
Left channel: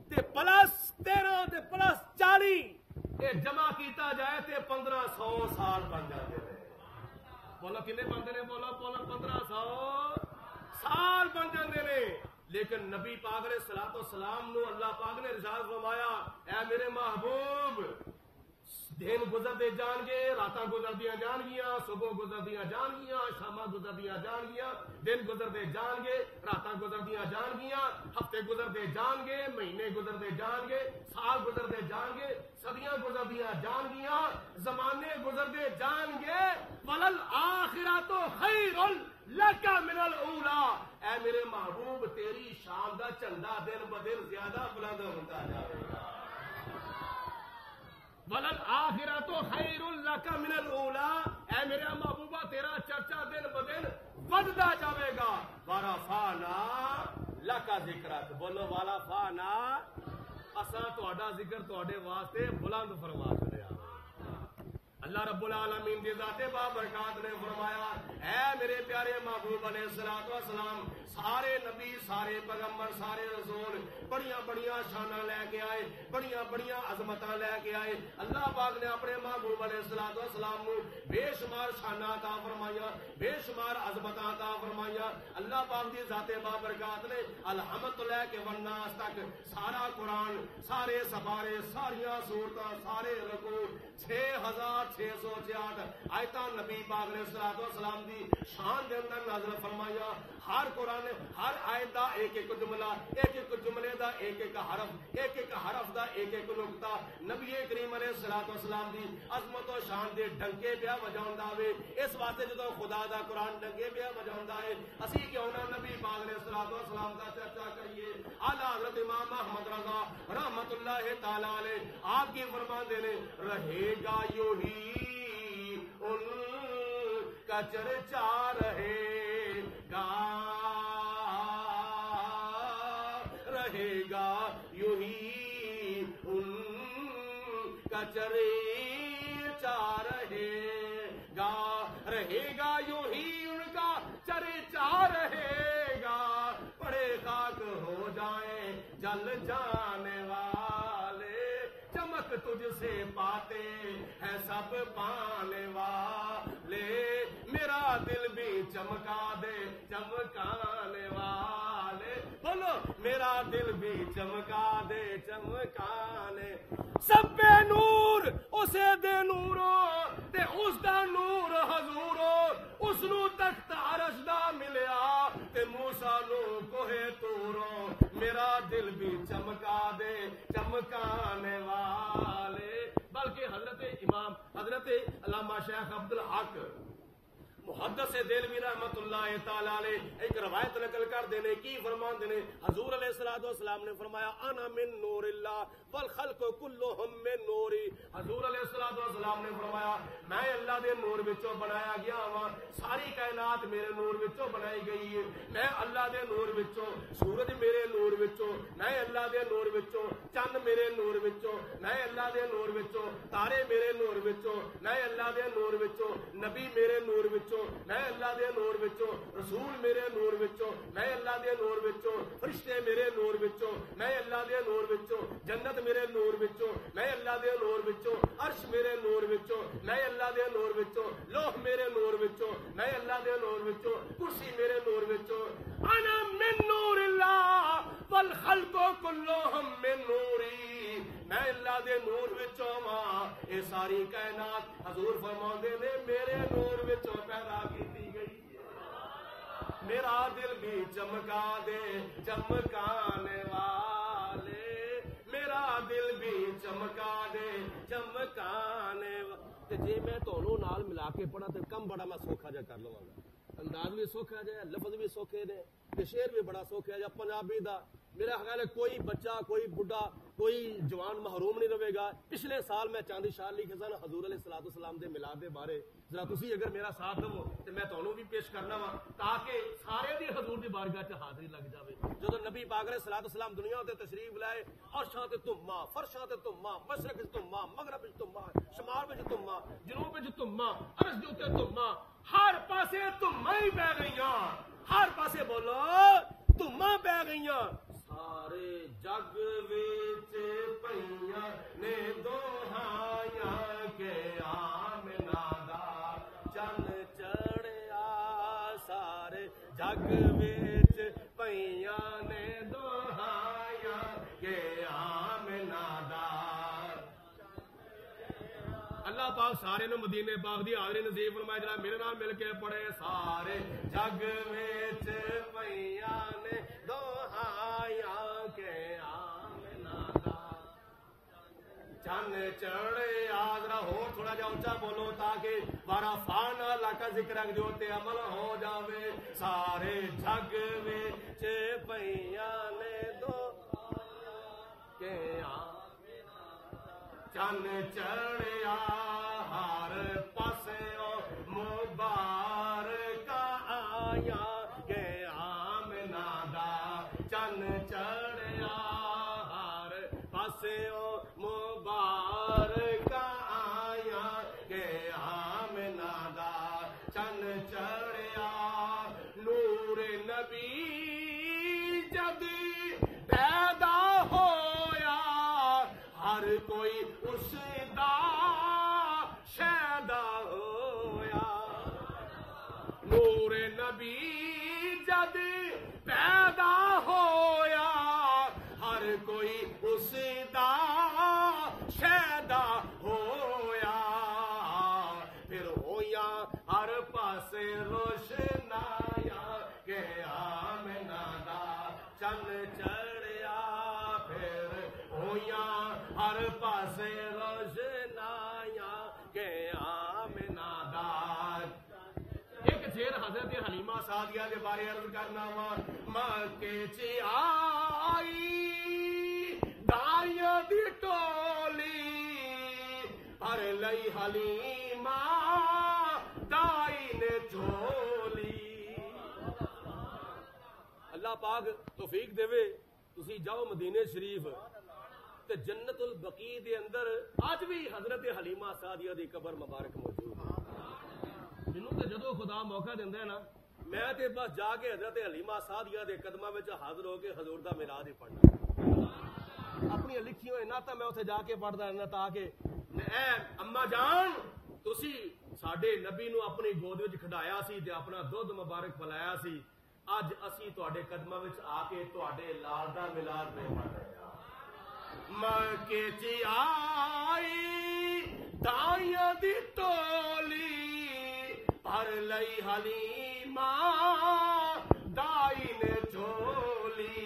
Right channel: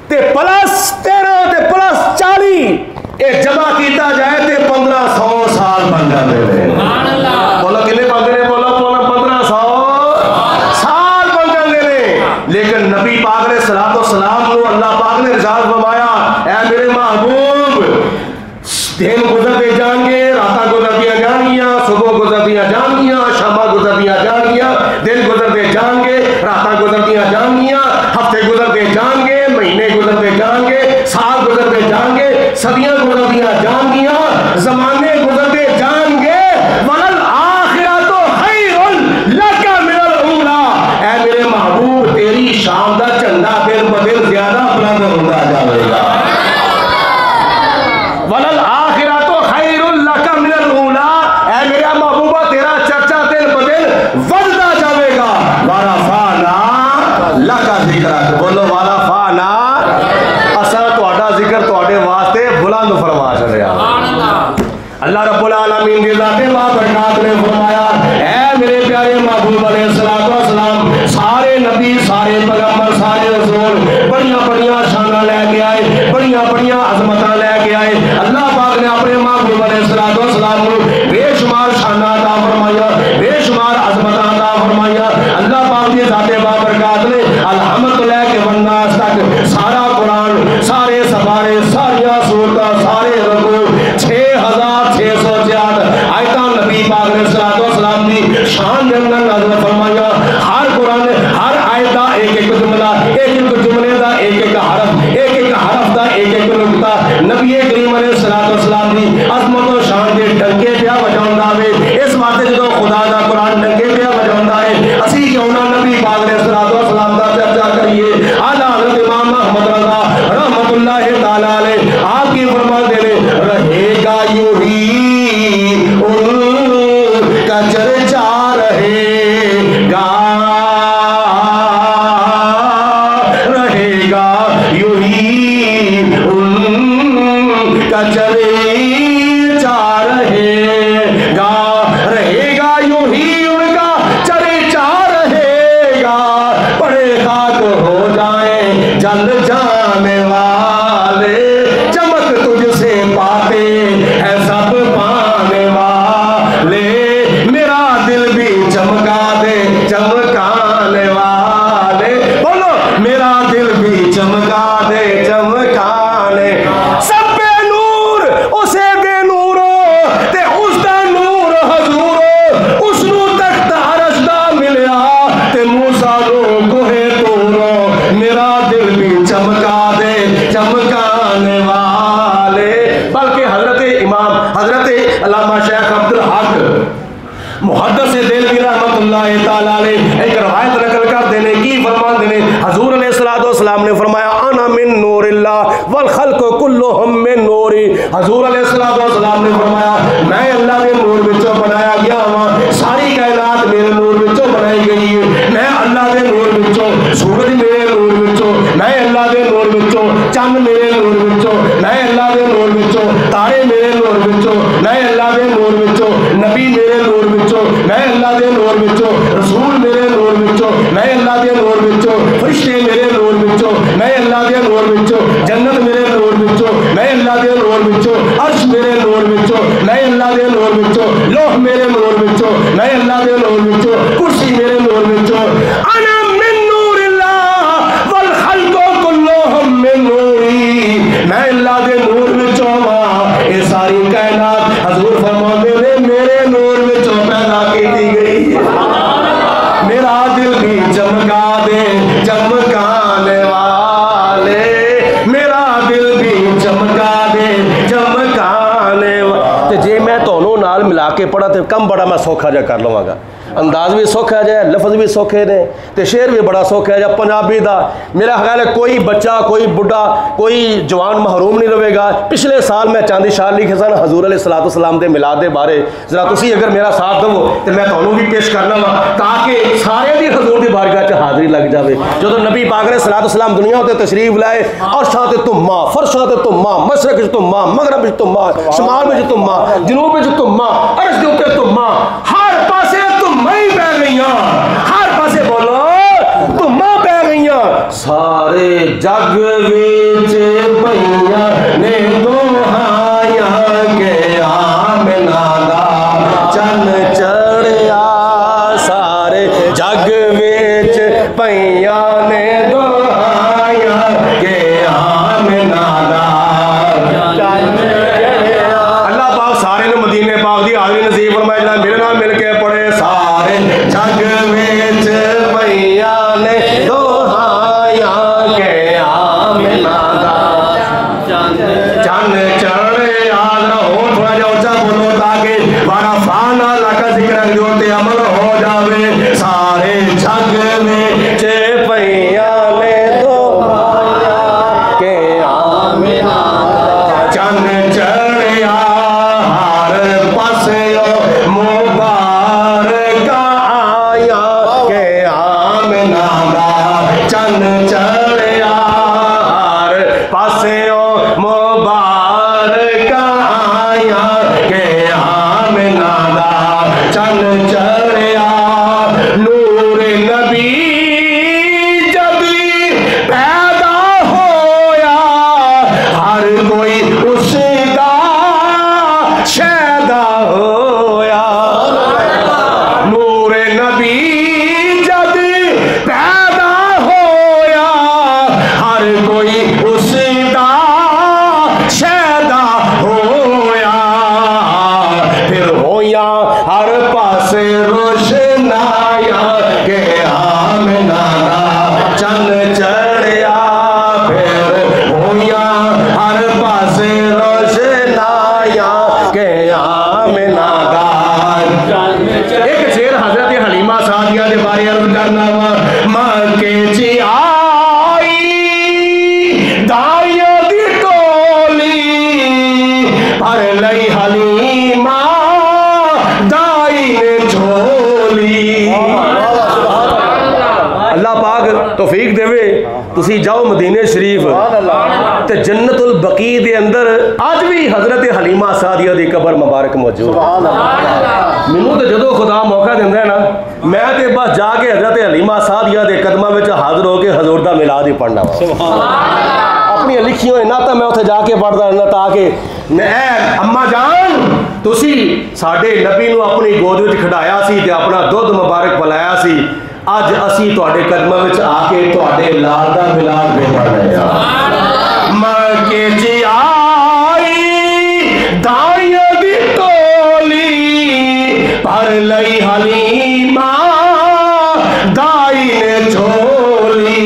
تے پلس 13 تے پلس 40 یہ جمع کیتا جائے تے 1500 سال بن جاتے ہیں، بولو کنے بن گئے؟ بولو 1500 سال بن جاتے ہیں۔ لیکن نبی پاک علیہ الصلوۃ والسلام کو اللہ پاک نے ارشاد فرمایا، اے میرے محبوب دن گزرتے جان گے، راتاں گزرتیاں جان گیاں، صبح گزرتیاں جان گیاں، شاماں گزرتیاں جان گیاں، دن گزرتے جان گے، راتاں گزرتیاں جان گیاں، ہفتے گزرتے جان گے، مہینے گزرتے جان گے، سال گزرتے جان گے، صدیاں گزرتیاں جان گیاں، زمانے گزرتے جان گے، وَلَلْآخِرَةُ خَيْرٌ لَكَ مِنَ الْأُولَىٰ، اے میرے محبوب تیری شام دا چندہ دن بدل زیادہ بلند ہوتا جائے گا، وَلَلْآخِرَةُ خَيْرٌ لَكَ مِنَ الْأُولَىٰ، اے میرا محبوبہ تیرا چرچا دن بدل بڑھتا جائے گا، وَرَفَعْنَا لَكَ ذِكْرَكَ، بولو وَرَفَعْنَا، اساں تہاڈا ذکر تہاڈے واسطے بلند فرما چھڑیا، اللہ رب العالمین کی ذات بابرکات نے فرمایا اے میرے پیارے محبوب علیہ السلام سارے نبی سارے پیغمبر سارے رسول بڑیاں بڑیاں شانہ لے کے آئے بڑیاں بڑیاں عظمتاں لے کے آئے اللہ پاک نے اپنے محبوب علیہ السلام کو بے شمار شانہ عطا فرمایا بے شمار عظمتاں عطا فرمایا اللہ پاک کی ذات بابرکات نے الحمد لے کے والناس تک سارا قرآن سارے سپارے ساریاں سورتاں سارے رکوع 6666 آیتاں نبی پاک نے السلام دی شان کے اندر نازل فرمایا ہر قرآن ہر آیت دا ایک ایک جملہ ایک ایک جملے دا ایک ایک حرف دا ایک ایک نقطہ نبی کریم علیہ السلام دی عظمت و شان دے ڈنکے پیا بجاوندا وے اس واسطے جدوں خدا دا قرآن ڈنکے پیا بجاوندا ہے اسی کیوں نہ نبی پاک علیہ السلام دا چرچا کریے اعلیٰ حضرت امام احمد رضا رحمۃ اللہ تعالی علیہ آپ کی فرماتے ہیں رہے گا یوں ہی ان کا چرچا رہے گا یوں ہی ان کا چرچا رہے گا یوں ہی ان کا چرچا رہے گا بڑے خاک ہو جائیں جل جانے والے چمک تجھ سے پاتے ہیں سب پانے والے میرا دل بھی چمکا دے چمکانے والے بولو میرا دل بھی چمکا دے چمکانے سب بے نور اسے بے نور تے اس دا نور حضور اس نو تک عرش دا ملیا تے موسیٰ نو کوہ طور میرا دل بھی چمکا دے چمکانے والے بلکہ حضرت امام حضرت علامہ شیخ عبدالحق محدث دہلوی رحمۃ اللہ تعالی علیہ ایک روایت نقل کر دینے کی فرمان دینے حضور علیہ السلام نے فرمایا انا من نور اللہ والخلق کلہم من نوری حضور علیہ السلام نے فرمایا میں اللہ کے نور وچوں بنایا گیا ہوں ساری کائنات میرے نور وچوں بنائی گئی ہے میں اللہ کے نور وچوں سورج میرے نور وچوں میں اللہ کے نور وچوں چند میرے نور وچوں میں اللہ کے نور وچوں تارے میرے نور وچوں میں اللہ کے نور وچوں نبی میرے نور وچوں میں اللہ کے نور وچوں رسول میرے نور وچوں میں اللہ کے نور وچوں فرشتے میرے نور وچوں میں اللہ کے نور وچوں جنت میرے نور وچوں میں اللہ کے نور وچوں عرش میرے نور وچوں میں اللہ کے نور وچوں لوح میرے نور وچوں میں اللہ کے نور وچوں کرسی میرے نور وچوں انا من نور اللہ والخلق کلہم من نوری میں اللہ کے نور وچوں ہاں یہ ساری کائنات حضور فرماتے ہیں میرے نور وچوں پیدا کی گئی میرا دل بھی چمکا دے چمکانے والے میرا دل بھی چمکا دے چمکانے والے جے میں تونوں نال ملا کے پڑھا تے کم بڑا میں سوکھا جا کر لواں گا انداز بھی سوکھا جائے لفظ بھی سوکھے نے تے شعر بھی بڑا سوکھا جائے پنجابی دا میرا خیال ہے کوئی بچہ کوئی بڑھا کوئی جوان محروم نہیں رہے گا پچھلے سال میں چاندی شار لکھے سن حضور علیہ السلام دے میلاد دے بارے ذرا تسی اگر میرا ساتھ دو تے میں تانوں بھی پیش کرنا وا تاکہ سارے دی حضور دی بارگاہ چ حاضری لگ جاوے جدوں نبی پاک علیہ السلام دنیا تے تشریف لائے اور شاہ تے تما فرشاں تے تما مشرق وچ تما مغرب وچ تما شمال وچ تما جنوب وچ تما عرش دے اوپر تما ہر پاسے تمہیں پہ گئیاں ہر پاسے بولو تمہیں پہ گئیاں سارے جگ وچ پئیاں نے دوہائیاں کہ آمنہ دا چن چڑھیا سارے جگ وچ پئیاں نے دوہائیاں کہ آمنہ دا چن چڑھیا اللہ پاک سارے نے مدینے پاک دی حاضری نصیب فرمائے جناب میرے نام مل کے پڑھے سارے جگ وچ پئیاں نے دوہائیاں کہ آمنہ دا چن چڑھیا ہو تھوڑا جا اونچا بولو تاکہ بارا فانا لکا ذکر جو تے عمل ہو جاوے سارے جگ وچ پئیاں نے دوہائیاں کہ آمنہ دا چن چڑھیا ہر پاسے مبارک لئی حلیمہ دائی نے جھولی. اللہ پاک توفیق دے تسی جاؤ مدینے شریف تے جنت البقیع دے اندر اج بھی حضرت حلیمہ سعدیہ دی قبر مبارک موجود. مینوں تے جدوں خدا موقع دیندا ہے نا میں تے بس جا کے حضرت حلیمہ سعدیہ دے قدماں وچ حاضر ہو کے حضور دا میلاد ہی پڑھنا وا. اپنی لکھی ہوئی نہ تو میں اتنے جا کے پڑھتا رہنا تاکہ اے اما جان تسی ساڈے نبی نو اپنی گود وچ کھڈایا سی تے اپنا دودھ مبارک پلایا سی. اج اسی تواڈے قدماں وچ آ کے تواڈے لال دا میلاد پہ پڑھ رہے ہاں. مر کے جی آئی دائیاں دی ٹولی پر لئی حلیمہ دائی نے جھولی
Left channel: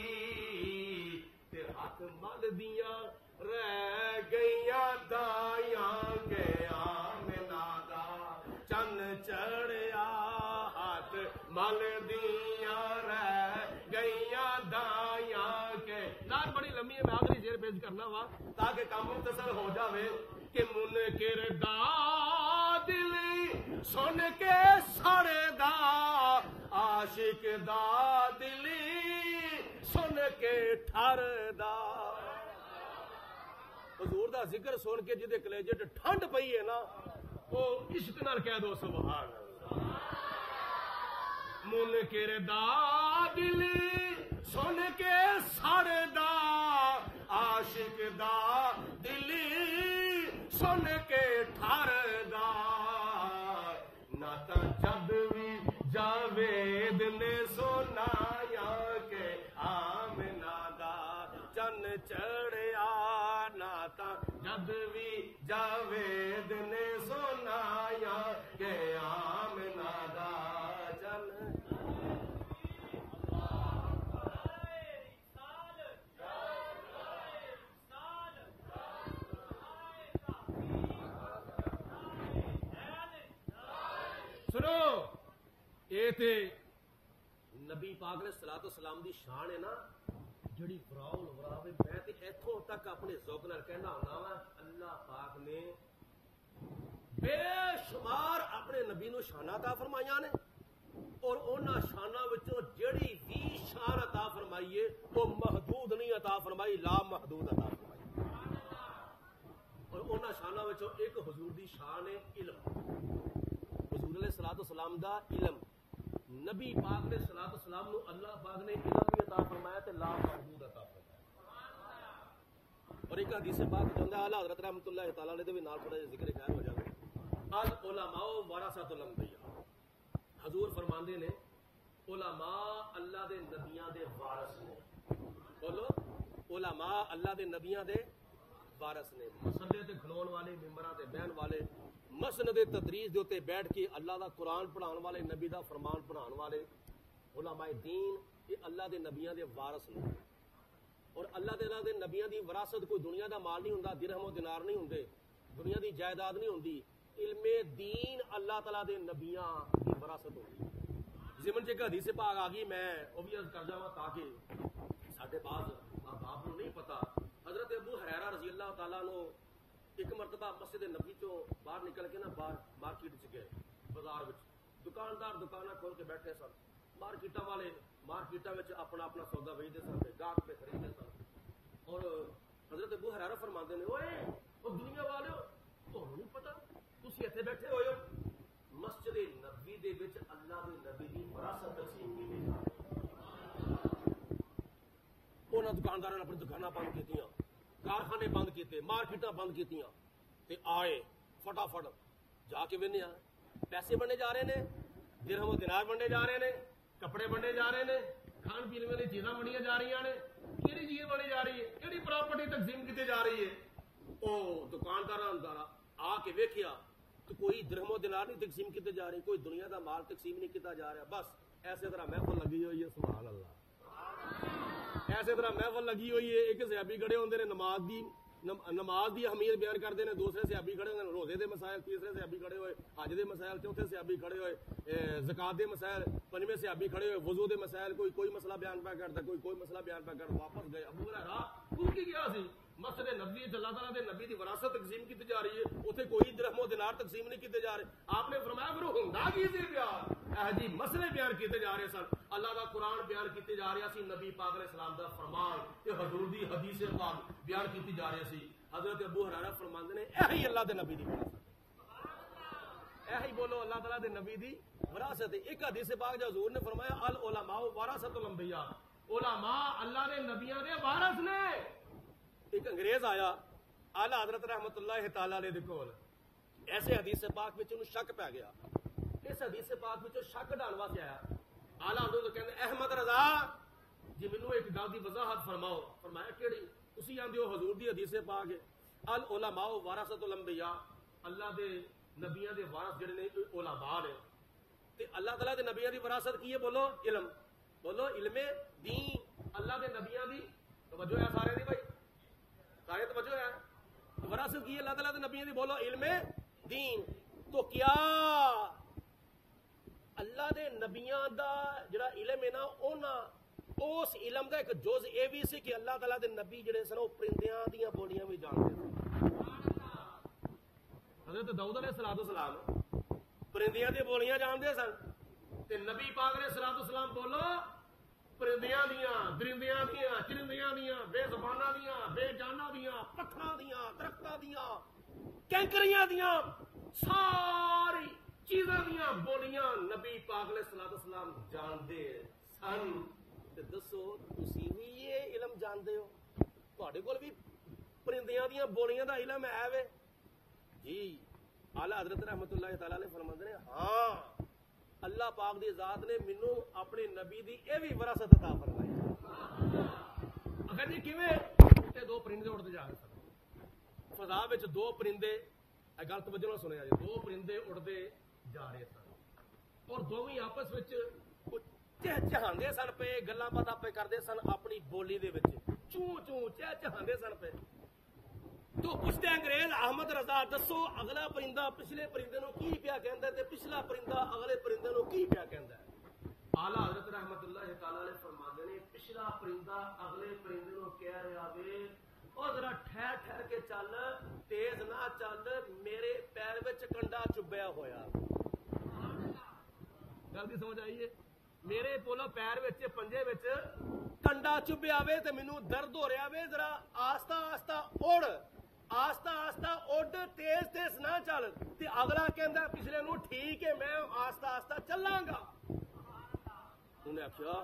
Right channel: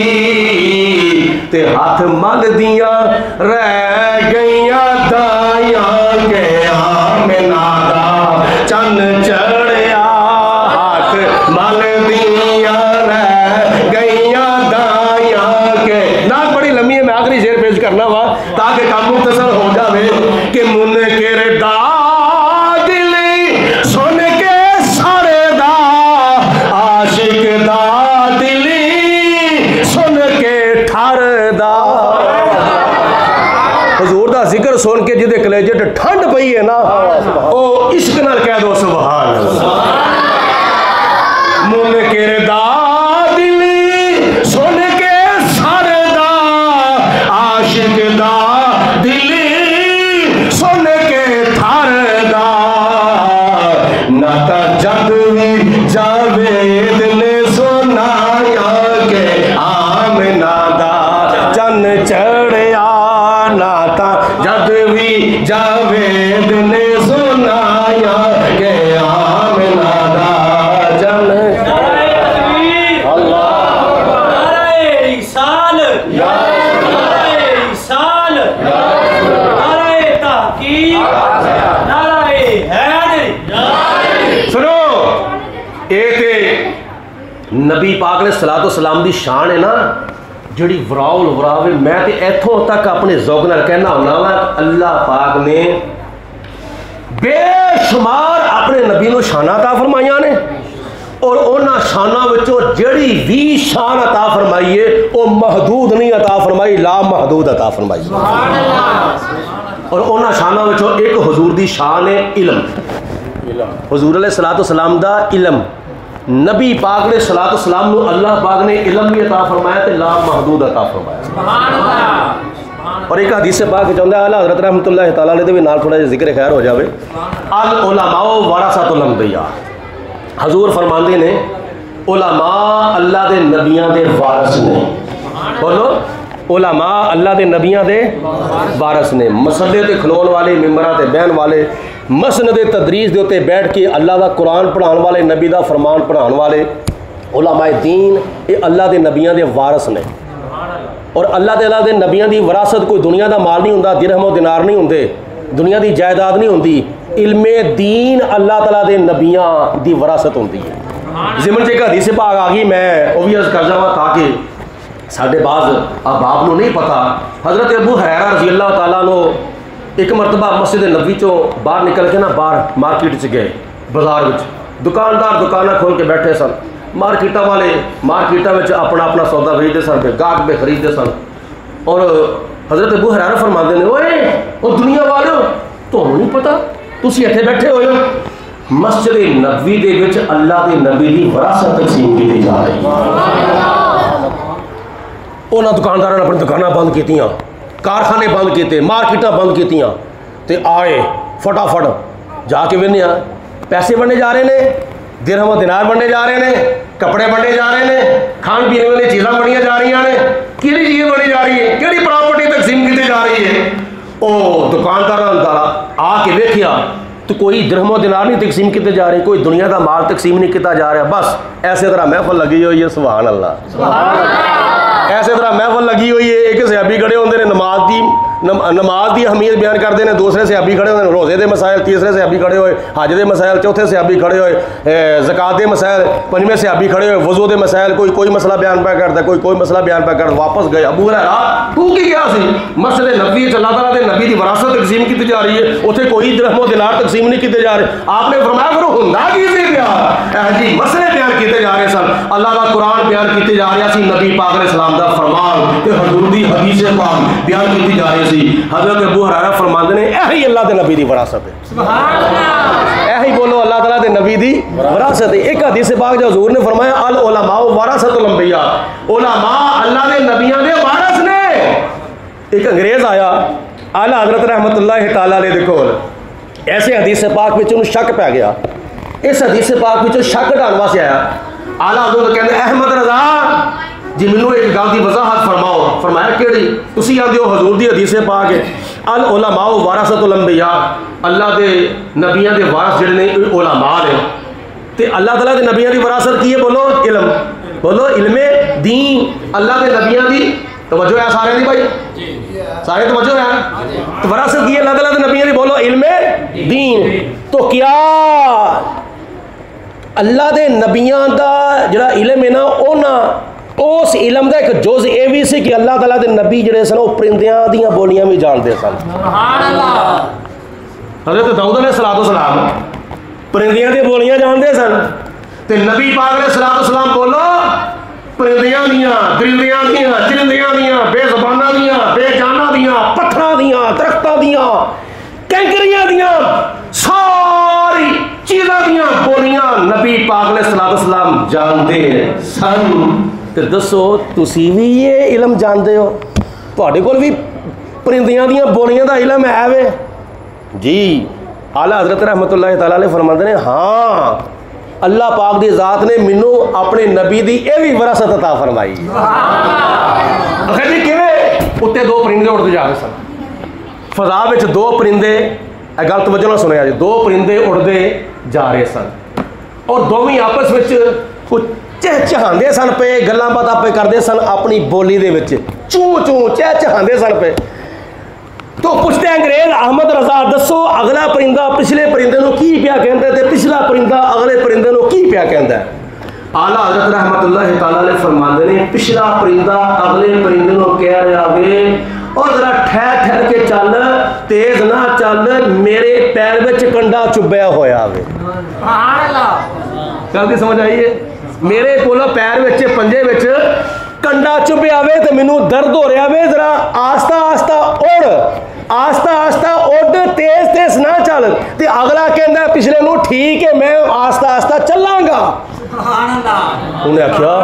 تے ہاتھ مل دیاں رہ گئیاں دائیاں کے آمنہ دا چن چڑھیا. ہاتھ مل دیاں رہ گئیاں دائیاں کے نہ بڑی لمبی ہے. میں آخری شعر پیش کرنا وا تاکہ کام مختصر ہو جاوے کہ منکر دا دل سن کے سارے دا عاشق دا دل سن کے ٹھر دا. حضور دا ذکر سن کے جدے کلیجے تے ٹھنڈ پئی ہے نا او عشق نال کہہ دو سبحان اللہ. منکر دا دل سن کے سارے دا عاشق دا دل سن کے تھر دا. نہ تا جد وی جاوید نے سنایا کہ آمنہ دا چن چڑھیا. نہ تا جد وی جاوید نے سنایا کہ آمنہ دا چن. نبی پاک نے صلاۃ و سلام دی شان ہے نا جڑی وراؤ وراوے. میں تے ایتھوں تک اپنے ذوق نال کہنا ہونا وا اللہ پاک نے بے شمار اپنے نبی نو شاناں عطا فرمائیاں نے اور انہاں شاناں وچوں جڑی بھی شان عطا فرمائی ہے او محدود نہیں عطا فرمائی لا محدود عطا فرمائی. اور انہاں شاناں وچوں ایک حضور دی شان ہے علم. حضور علیہ الصلوۃ والسلام دا علم. نبی پاک نے صلاۃ والسلام نو اللہ پاک نے علم بھی عطا فرمایا تے لا محدود عطا فرمایا. سبحان اللہ. اور ایک حدیث پاک چاہتا ہے اعلیٰ حضرت رحمۃ اللہ تعالیٰ علیہ دے بھی نال تھوڑا جہا ذکر خیر ہو جاوے. العلماء ورثۃ الانبیاء. حضور فرماندے نے علماء اللہ دے نبیاں دے وارث نے. بولو علماء اللہ دے نبیاں دے وارث نے. مسجدے تے کھلون والے ممبراں تے بہن والے مسند تدریس دے تے بیٹھ کے اللہ دا قرآن پڑھان والے نبی دا فرمان پڑھان والے علماء دین یہ اللہ دے نبیاں دے وارث نے. اور اللہ تعالیٰ دے نبیاں دی وراثت کوئی دنیا دا مال نہیں ہوندا درہم و دینار نہیں ہوندے دنیا دی جائیداد نہیں ہوندی. علم دین اللہ تعالیٰ دے نبیاں دی وراثت ہوندی ہے. ضمن چ ایک حدیث پاک آ گئی میں وہ بھی عرض کر جاواں تاکہ ساڈے بعض احباب نو نہیں پتہ. حضرت ابو ہریرہ رضی اللہ تعالیٰ عنہ ایک مرتبہ مسجد نبوی چوں باہر نکل کے نا باہر مارکیٹ چ گئے. بازار وچ دکاندار دکاناں کھول کے بیٹھے سن. مارکیٹاں والے مارکیٹاں وچ اپنا اپنا سودا بیچتے سن پہ گاہک پہ خریدتے سن. اور حضرت ابو ہریرہ فرماندے نے اوئے او دنیا والو تمہیں نہیں پتہ تسی اتنے بیٹھے ہوئے ہو مسجد نبوی دے وچ اللہ دے نبی دی وراثت تقسیم کی جا رہی ہے. انہاں دکانداراں نے اپنی دکاناں بند کیتیاں کارخانے بند کیتے مارکیٹاں بند کیتیاں تے آئے فٹافٹ جا کے وینے پیسے بننے جا رہے ہیں درہم و دینار بننے جا رہے ہیں کپڑے بننے جا رہے ہیں کھان پینے والی چیزاں بنیاں جا رہی ہیں کیڑی چیز بنی جا رہی ہے کیڑی پراپرٹی تقسیم کی جا رہی ہے. او دکاندار آ کے ویکھیا تو کوئی درہم و دینار نہیں تقسیم کیتے جا رہے کوئی دنیا دا مال تقسیم نہیں کیتا جا رہا. بس ایسے طرح محفل لگی ہوئی ہے سبحان اللہ. ایسے طرح محفل لگی ہوئی ہے ایک صحابی کھڑے ہوندے نے نماز دی نماز کی اہمیت بیان کرتے ہیں، دوسرے صحابی کھڑے ہوئے روزے دے مسائل، تیسرے صحابی کھڑے ہوئے حج دے مسائل، چوتھے صحابی کھڑے ہوئے زکات دے مسائل، پنجویں صحابی کھڑے ہوئے وضو دے مسائل، کوئی مسئلہ بیان پہ کرتا، کوئی مسئلہ بیان پہ کرتا، واپس گئے ابو ہریرہ تو کی کیا سی مسئلے نبی اللہ تعالیٰ دے نبی دی وراثت تقسیم کی جا رہی ہے، اتنے کوئی درہم و دینار تقسیم نہیں کیتے جا رہے، آپ نے فرمایا کرو ہندا کی سی پیا جی مسئلے بیان کیتے جا رہے سن، اللہ کا قرآن بیان کیتے جا رہا سی، نبی پاک علیہ السلام دا فرمان تے حضور دی حدیث پاک بیان کیتی جا رہی سی۔ حضرت ابو ہریرہ فرماندے نے یہی اللہ دے نبی دی وراثت ہے، سبحان اللہ، یہی بولو اللہ تعالیٰ دے نبی دی وراثت ہے۔ ایک حدیث پاک جو حضور نے فرمایا العلماء ورثۃ الانبیاء، علماء اللہ دے نبیوں دے وارث نے۔ ایک انگریز آیا اعلیٰ حضرت رحمت اللہ تعالیٰ علیہ دے کول، ایسے حدیث پاک وچ انہوں شک پہ گیا، اس حدیث پاک وچ شک ڈھان واسطے آیا، اعلیٰ حضرت کہندے احمد رضا جی مینوں ایک گل دی وضاحت فرماؤ، فرمایا کیڑی؟ تسی آندے ہو حضور دی حدیث پاک ہے العلماء ورثۃ الانبیاء، اللہ دے نبیوں دے وارث جڑے نے علماء نے، تے اللہ تعالیٰ دے نبیوں دی وراثت کی ہے؟ بولو علم، بولو علم دین، اللہ دے نبیوں دی توجہ ہے سارے دی بھائی، سارے توجہ ہے، تو وراثت کی ہے اللہ تعالیٰ دے نبیوں دی، بولو علم دین۔ تو کیا اللہ دے نبیوں دا جڑا علم ہے نا اونا اس علم دا ایک جز یہ بھی سی کہ اللہ تعالیٰ دے نبی جڑے سن وہ پرندیاں دیاں بولیاں بھی جانتے سن، سبحان اللہ۔ حضرت داؤد علیہ السلام پرندیاں دی بولیاں جانتے سن، تے نبی پاک علیہ السلام بولو پرندیاں دیاں، درندیاں دیاں، چرندیاں دیاں، بے زباناں دیاں، بے جاناں دیاں، پتھراں دیاں، درختاں دیاں، کینکریاں دیاں، ساری چیزاں دیاں بولیاں نبی پاک علیہ السلام جانتے سن۔ تے دسو تسی بھی یہ علم جانتے ہو؟ تواڈے کول بھی پرندیاں دیاں بولیاں دا علم ہے وے؟ جی اعلیٰ حضرت رحمت اللہ تعالیٰ علیہ فرماندے نے ہاں اللہ پاک دی ذات نے مینوں اپنے نبی دی یہ بھی وراثت عطا فرمائی۔ آخر جی کیویں؟ اتنے دو پرندے اڑتے جا رہے سن فضا وچ، دو پرندے، اے گل توجہ نال سنیا جی، دو پرندے اڑتے جا رہے سن اور دونوں آپس وچ کچھ چہچہاندے سن پہ، گلاں باتاں پہ کردے سن اپنی بولی دے وچ، چوں چوں چہچہاندے سن پہ۔ تو پوچھتے انگریز احمد رضا دسو اگلا پرندہ پچھلے پرندے نو کی پیا کہندا ہے تے پچھلا پرندہ اگلے پرندے نو کی پیا کہندا ہے؟ اعلیٰ حضرت رحمت اللہ تعالیٰ علیہ فرماندے نے پچھلا پرندہ اگلے پرندے نو کہہ رہا وے اور ذرا ٹھہر کے چل، تیز نہ چل، میرے پیر وچ کنڈا چبیا ہویا وے۔ سبحان اللہ، گل دی سمجھ آئی ہے؟ میرے کولو پیر وچ پنجے وچ کنڈا چبیا وے تے مینوں درد ہو رہا وے، ذرا آہستہ آہستہ اڑ، آہستہ آہستہ اڑ، تیز تیز نہ چل۔ تے اگلا کہندا پچھلے نو ٹھیک ہے میں آہستہ آہستہ چلاں گا۔ سبحان اللہ۔ انہیں آخیا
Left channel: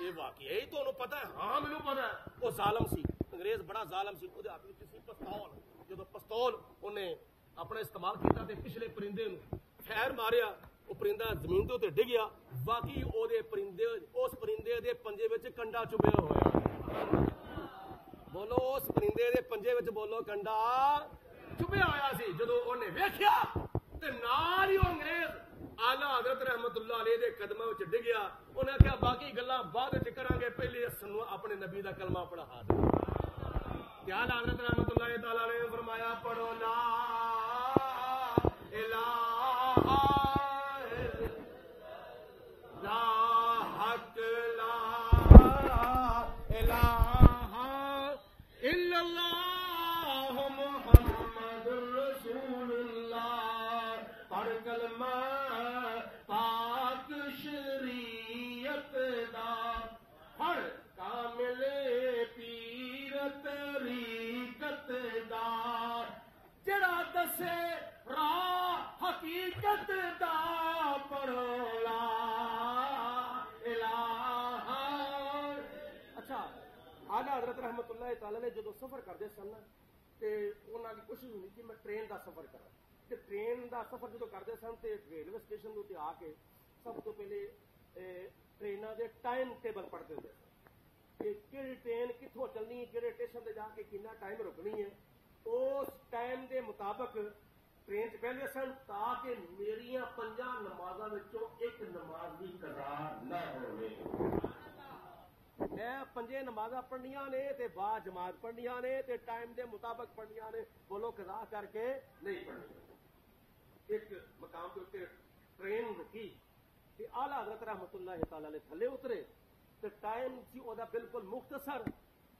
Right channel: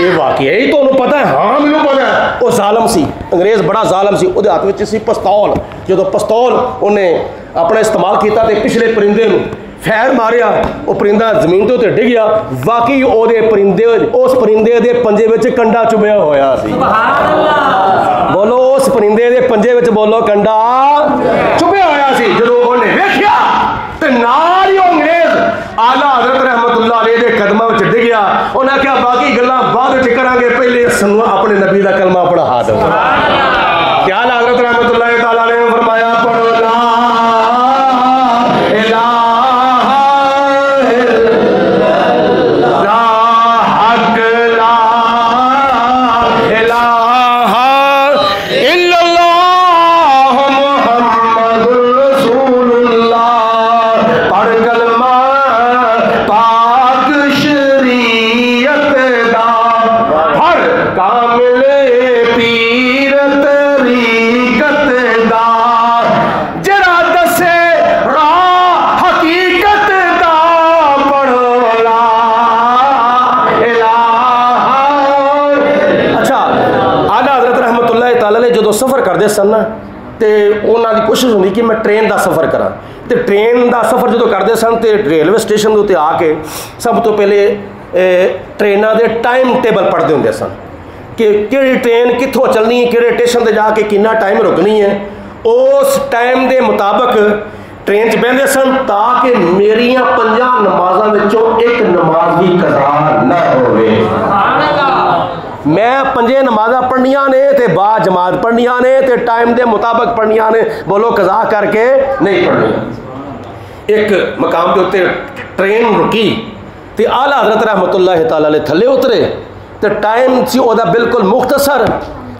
یہ واقعہ ہی تو پتہ ہے؟ ہاں مینوں پتہ ہے۔ وہ ظالم سی، انگریز بڑا ظالم سی، وہ ہاتھ وچ سی پستول، جدو پستول انہیں اپنا استعمال کیتا تے پچھلے پرندے نو فیر ماریا، وہ پرندہ زمین تو ڈگ گیا، واقعی وہ پرندے اس پرندے دے پنجے وچ کنڈا چبیا ہویا سی۔ سبحان اللہ، بولو اس پرندے دے پنجے وچ بولو کنڈا چبیا ہویا سی۔ جدو انہیں ویکھیا تے نال ہی انگریز اعلیٰ حضرت رحمت اللہ علیہ دے قدماں وچ ڈگ گیا، انہاں کہا باقی گلاں بعد وچ کراں گے، پہلے سنو اپنے نبی دا کلمہ پڑھا دو۔ کہ اعلیٰ حضرت رحمت اللہ تعالیٰ علیہ نے فرمایا پڑھو لا سن تے انہاں دی کوشش ہوندی کہ میں ٹرین دا سفر کراں، تے ٹرین دا سفر جدو کرتے سن تے ریلوے اسٹیشن دے آ کے سب تو پہلے ٹریناں دے ٹائم ٹیبل پڑھتے ہوندے سن کہ کہڑی ٹرین کتھوں چلنی ہے، کہڑے اسٹیشن تے جا کے کتنا ٹائم رکنی ہے، اس ٹائم دے مطابق ٹرین چ بہندے سن تاکہ میریاں 5 نمازاں وچوں ایک نماز بھی قضا نہ ہوئے۔ میں 5 نمازاں پڑھنیاں نے تے با جماعت پڑھنیاں نے تے ٹائم دے مطابق پڑھنیاں نے، بولو قضا کر کے نہیں پڑھنیاں۔ ایک مقام کے اتنے ٹرین رکی تے آلہ حضرت رحمت اللہ تعالی علیہ تھلے اترے تے ٹائم سی وہ بالکل مختصر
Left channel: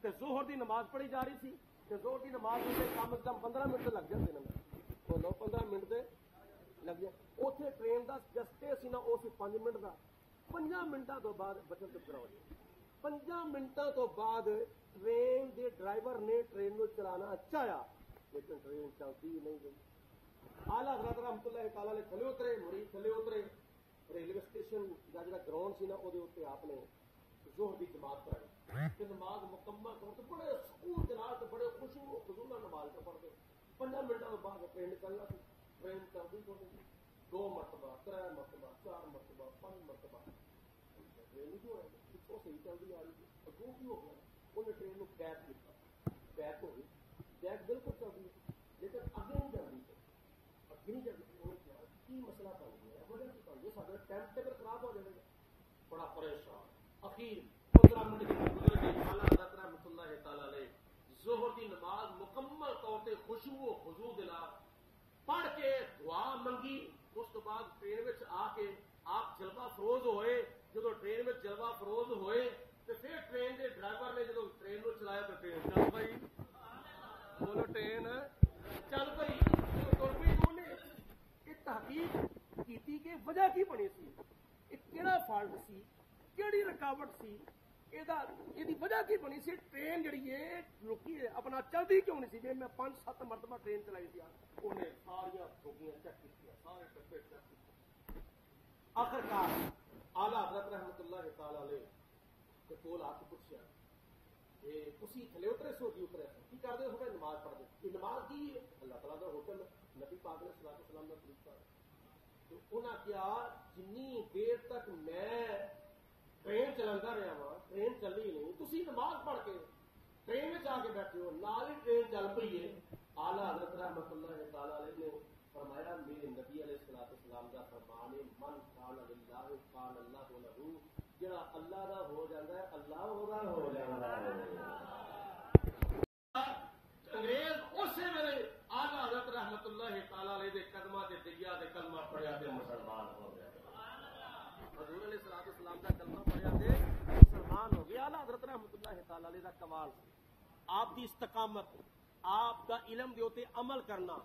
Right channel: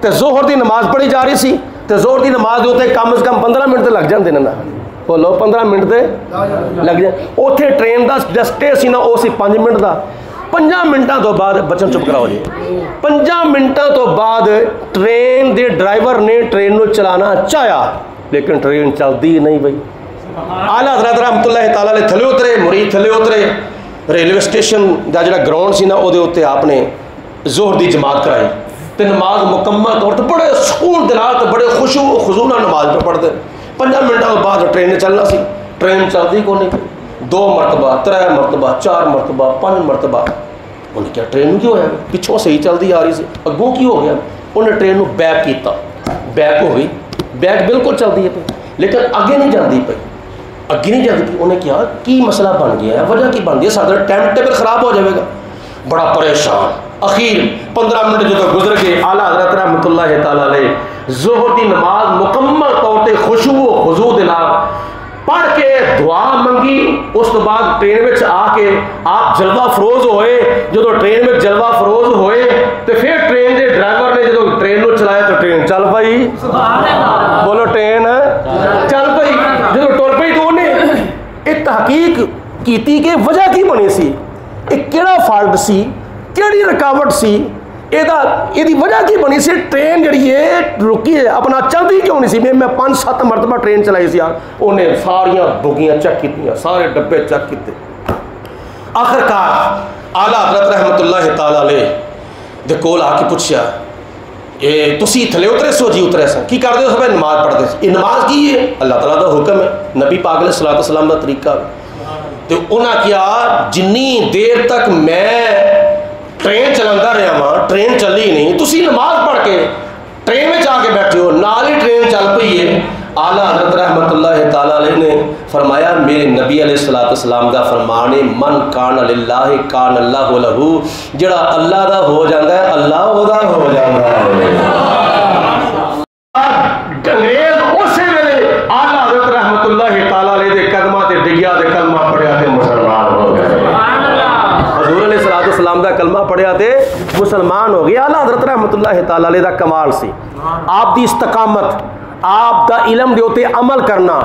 تے ظہر دی نماز پڑھی جا رہی سی تے ظہر دی نماز دے کم از کم 15 منٹ لگ جاندے نا، بولو 15 منٹ دے لگ جائے۔ اوتھے ٹرین دا جسٹے سی نا وہ سی 5 منٹ دا، 5 منٹاں تو بعد بچن چپ کراؤ جی، 5 منٹاں تو بعد ٹرین دے ڈرائیور نے ٹرین نو چلانا چاہیا لیکن ٹرین چلدی نہیں بھائی۔ آلہ حضرت رحمت اللہ تعالی علیہ تھلے اترے، مرید تھلے اترے، ریلوے اسٹیشن دا جڑا گراؤنڈ سی نا وہ اتنے آپ نے ظہر دی جماعت کرائی تے نماز مکمل طور تے بڑے سکون دے نال تے بڑے خشوع و خضوع نال نماز پہ پڑھتے۔ 5 منٹوں بعد ٹرین نے چلنا سی، ٹرین چلتی کو نہیں، 2 مرتبہ 3 مرتبہ 4 مرتبہ 5 مرتبہ انہیں کیا ٹرین کیوں ہوا، پچھوں صحیح چلتی آ رہی سی، اگوں کی ہو گیا، انہیں ٹرین نو بیک کیتا، بیک ہو گئی، بیک بالکل چلتی ہے پی لیکن اگے نہیں جاتی پی، اگے نہیں جاتی پی۔ انہیں کیا کی مسئلہ بن گیا ہے، وجہ کی بن گئی ہے، سارا ٹائم ٹیبل خراب ہو جائے گا، بڑا پریشان۔ اخیر 15 منٹ جو گزر گئے، اعلیٰ حضرت رحمت اللہ تعالی علیہ ظہر کی نماز مکمل طور تے خشوع و خضوع دے نال پڑھ کے دعا منگی، اس تو بعد ٹرین میں آ کے آپ جلوہ فروز ہوئے۔ جدو ٹرین میں جلوہ فروز ہوئے تو پھر ٹرین کے ڈرائیور نے جدو ٹرین کو چلایا تو ٹرین چل پئی، بولو ٹرین چل پئی۔ جدو ٹر پئی تو انہیں ایک تحقیق کیتی کہ وجہ کی بنی سی، ایک کیڑا فالٹ سی، کیڑی رکاوٹ سی، یہ وجہ کی بنی سی، ٹرین جڑی ہے رکی ہے اپنا چلتی کیوں نہیں سی۔ میں 5-7 مرتبہ ٹرین چلائی سی، انہیں ساریاں بوگیاں چیک کیتیاں، سارے ڈبے چیک کیتے۔ آخرکار اعلیٰ حضرت رحمت اللہ تعالی علیہ دے کول آ کے پوچھیا، تسی تھلے اترے سو جی اترے سن، کی کرتے ہو؟ سب نماز پڑھتے سی۔ یہ نماز کی ہے؟ اللہ تعالیٰ دا حکم ہے، نبی پاک علیہ الصلوۃ والسلام دا طریقہ۔ تو انہاں کیا جنی دیر تک میں ٹرین چلاتا رہا وہاں، ٹرین چلی نہیں، تسی نماز پڑھ کے ٹرین میں جا کے بیٹھے ہو، نال ہی ٹرین چل پئی ہے۔ اعلیٰ حضرت رحمت اللہ تعالی علیہ نے فرمایا، میرے نبی علیہ الصلوۃ والسلام دا فرمان ہے، من کان للہ کان اللہ لہ، جڑا اللہ دا ہو جاتا ہے اللہ او دا ہو جاتا ہے۔ انگریز اسی ویلے اعلیٰ حضرت رحمت اللہ تعالی علیہ دے قدماں تے ڈگیا تے کلمہ پڑھیا تے مسلمان ہو گئے۔ حضور علیہ الصلوۃ والسلام دا کلمہ پڑھیا تے مسلمان ہو گئے۔ اعلیٰ حضرت رحمت اللہ تعالی علیہ دا کمال سی آپ دی استقامت، آپ دا علم دے اوتے عمل کرنا،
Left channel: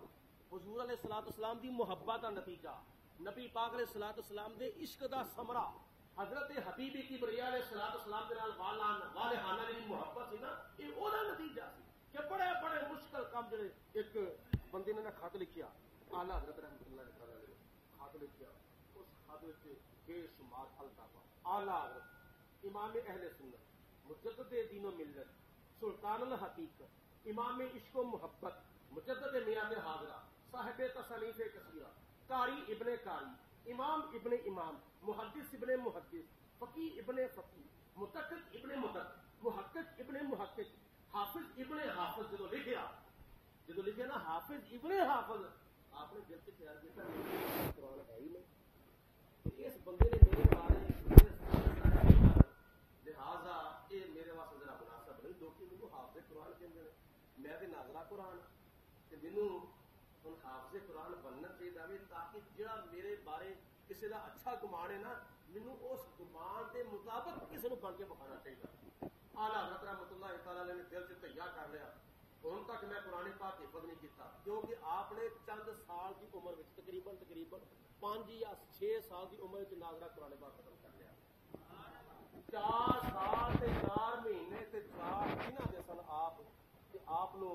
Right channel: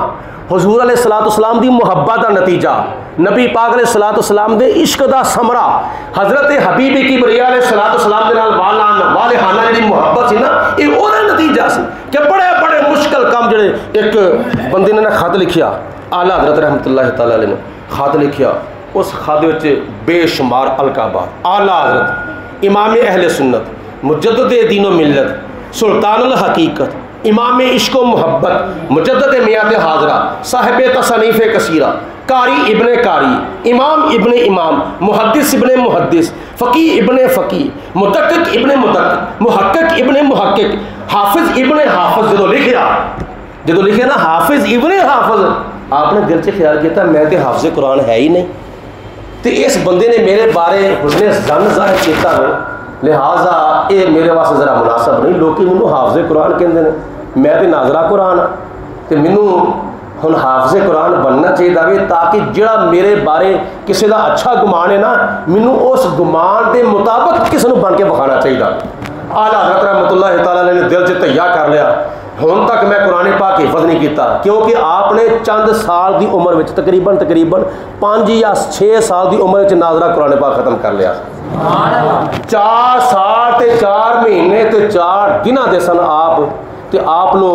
حضور علیہ الصلوۃ والسلام دی محبت دا نتیجہ، نبی پاک علیہ الصلوۃ والسلام دے عشق دا ثمرہ، حضرت حبیب کبریا علیہ الصلوۃ والسلام دے نال والہانہ جڑی محبت سی نا، یہ او دا نتیجہ سی کہ بڑے بڑے مشکل کام جڑے، ایک بندے نے خط لکھیا، اعلیٰ حضرت رحمت اللہ تعالی علیہ نے خط لکھیا، اس خط وچ بے شمار القابات، اعلیٰ حضرت امام اہل سنت، مجدد دین و ملت، سلطان الحقیقت، امام عشق و محبت، مجدد میات حاضرہ، صاحب تصانیف کثیرہ، قاری ابن قاری، امام ابن امام، محدث ابن محدث، فقی ابن فقی، مدقق ابن مدقق، محقق ابن محقق، حافظ ابن حافظ۔ جدو لکھے نا حافظ ابن حافظ، آپ نے دل سے خیال کیا تھا میں تے حافظ قرآن ہے ہی نہیں، تو اس بندے نے میرے بارے حسن ظن ظاہر کیتا ہے، لہٰذا یہ میرے واسطے ذرا مناسب نہیں، لوگ مینوں حافظ قرآن کہندے نے، میں تے ناظرہ قرآن ہاں، تو مینوں ہن حافظ قرآن بننا چاہیے تاکہ جڑا میرے بارے کسی دا اچھا گمان ہے نا، مینوں اس گمان دے مطابق کسی نوں بن کے بکھانا چاہیے۔ اعلیٰ حضرت رحمت اللہ تعالیٰ نے دل سے تیار کر لیا، ہن تک میں قرآن پاک حفظ نہیں کیتا، کیونکہ آپ نے چند سال دی عمر وچ تقریباً 5 یا 6 سال دی عمر وچ ناظرہ قرآن پاک ختم کر لیا۔ 4 سال تے 4 مہینے تے 4 دنوں دے سن آپ، تے آپ نو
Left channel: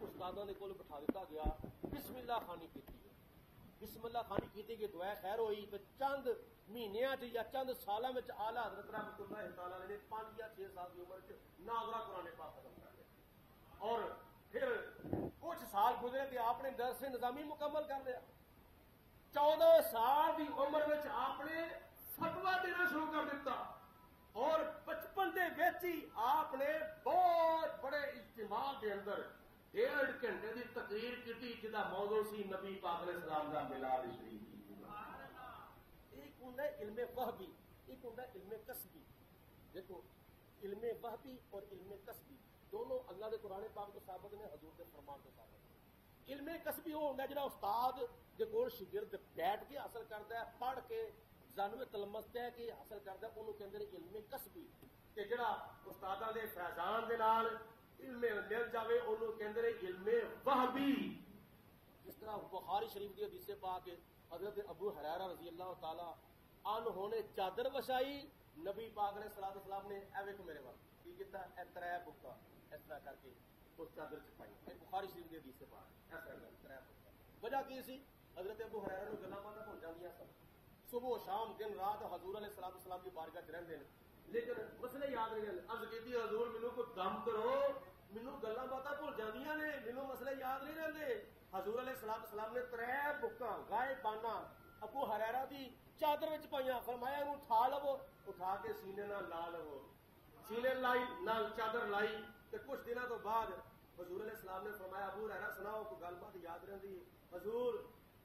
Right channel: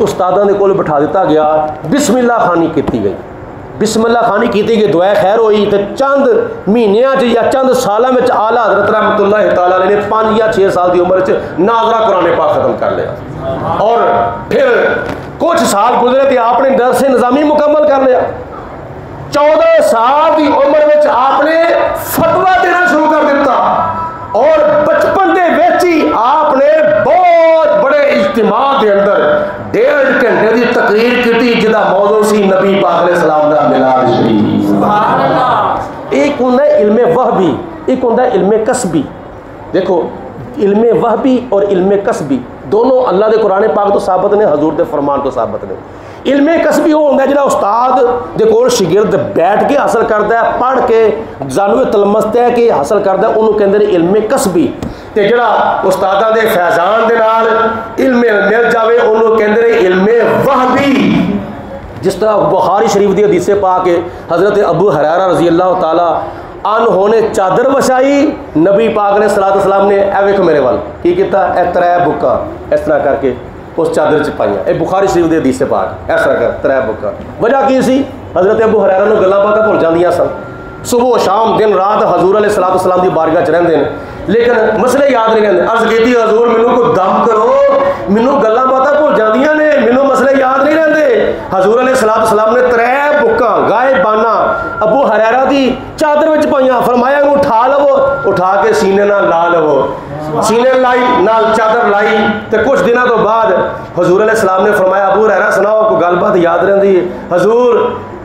استاداں دے کول بٹھا دیتا گیا، بسم اللہ خانی کیتی گئی، بسم اللہ خانی کیتی گئی، دعائے خیر ہوئی، تے چند مہینیاں یا چند سالاں وچ اعلیٰ حضرت رحمت اللہ تعالی علیہ نے 5 یا 6 سال دی عمر وچ ناظرہ قرآن پاک ختم کر لیا۔ اور پھر کچھ سال گزرے تے آپ نے درس نظامی مکمل کر لیا۔ 14 سال دی عمر وچ آپ نے فتویٰ دینا شروع کر دیتا، اور بچپن دے وچ ہی آپ نے بہت بڑے اجتماع دے اندر 1.5 گھنٹے دی تقریر کی جدا موضوع سی نبی پاک علیہ السلام دا میلاد شریف۔ سبحان اللہ۔ ایک ہوندا ہے علم وہبی، ایک ہوندا ہے علم کسبی۔ دیکھو علم وحبی اور علم کسبی دونوں اللہ دے قرآن پاک تو ثابت نے، حضور دے فرمان تو ثابت نے۔ علم کسبی وہ ہوتا ہے جہاں استاد دے کول شاگرد بیٹھ کے حاصل کرتا ہے، پڑھ کے جانوے تلمس ہے کہ حاصل کرتا ہے، انہوں کہندے نے علم کسبی۔ تے جڑا استاداں دے فیضان دے نال علم مل جاوے انہوں کہندے نے علم وحبی۔ جس طرح بخاری شریف دی حدیث پاک ہے، حضرت ابو ہریرہ رضی اللہ تعالیٰ عنہ نے چادر وچھائی، نبی پاک نے صلی اللہ علیہ وسلم نے اے ویکھو میرے وال کی کیتا، اے ترے بکا اس طرح کر کے اس چادر چ پائیاں، اے بخاری شریف دی حدیث پاک اس طرح کر ترے بکا۔ وجہ کی سی؟ حضرت ابو ہریرہ نوں گلاں باتاں بھول جاندیاں سن، صبح و شام دن رات حضور علیہ الصلوۃ والسلام دی بارگاہ چ رہندے نے لیکن مسئلے یاد نہیں رہندے۔ عرض کیتی حضور مینوں کوئی دم کرو، مینوں گلاں باتاں بھول جاندیاں نے، مینوں مسئلے یاد نہیں رہندے۔ حضور علیہ الصلوۃ والسلام نے ترے بکاں غائبانہ ابو ہریرہ دی چادر وچ پائیاں، فرمایا انہوں اٹھا لو، اٹھا کے سینے نال لا لو، سینے لائی نال چادر لائی تے کچھ دنوں تو بعد حضور علیہ السلام نے فرمایا ابو ہریرہ سناؤ کوئی گل بات یاد رہندی ہے؟ حضور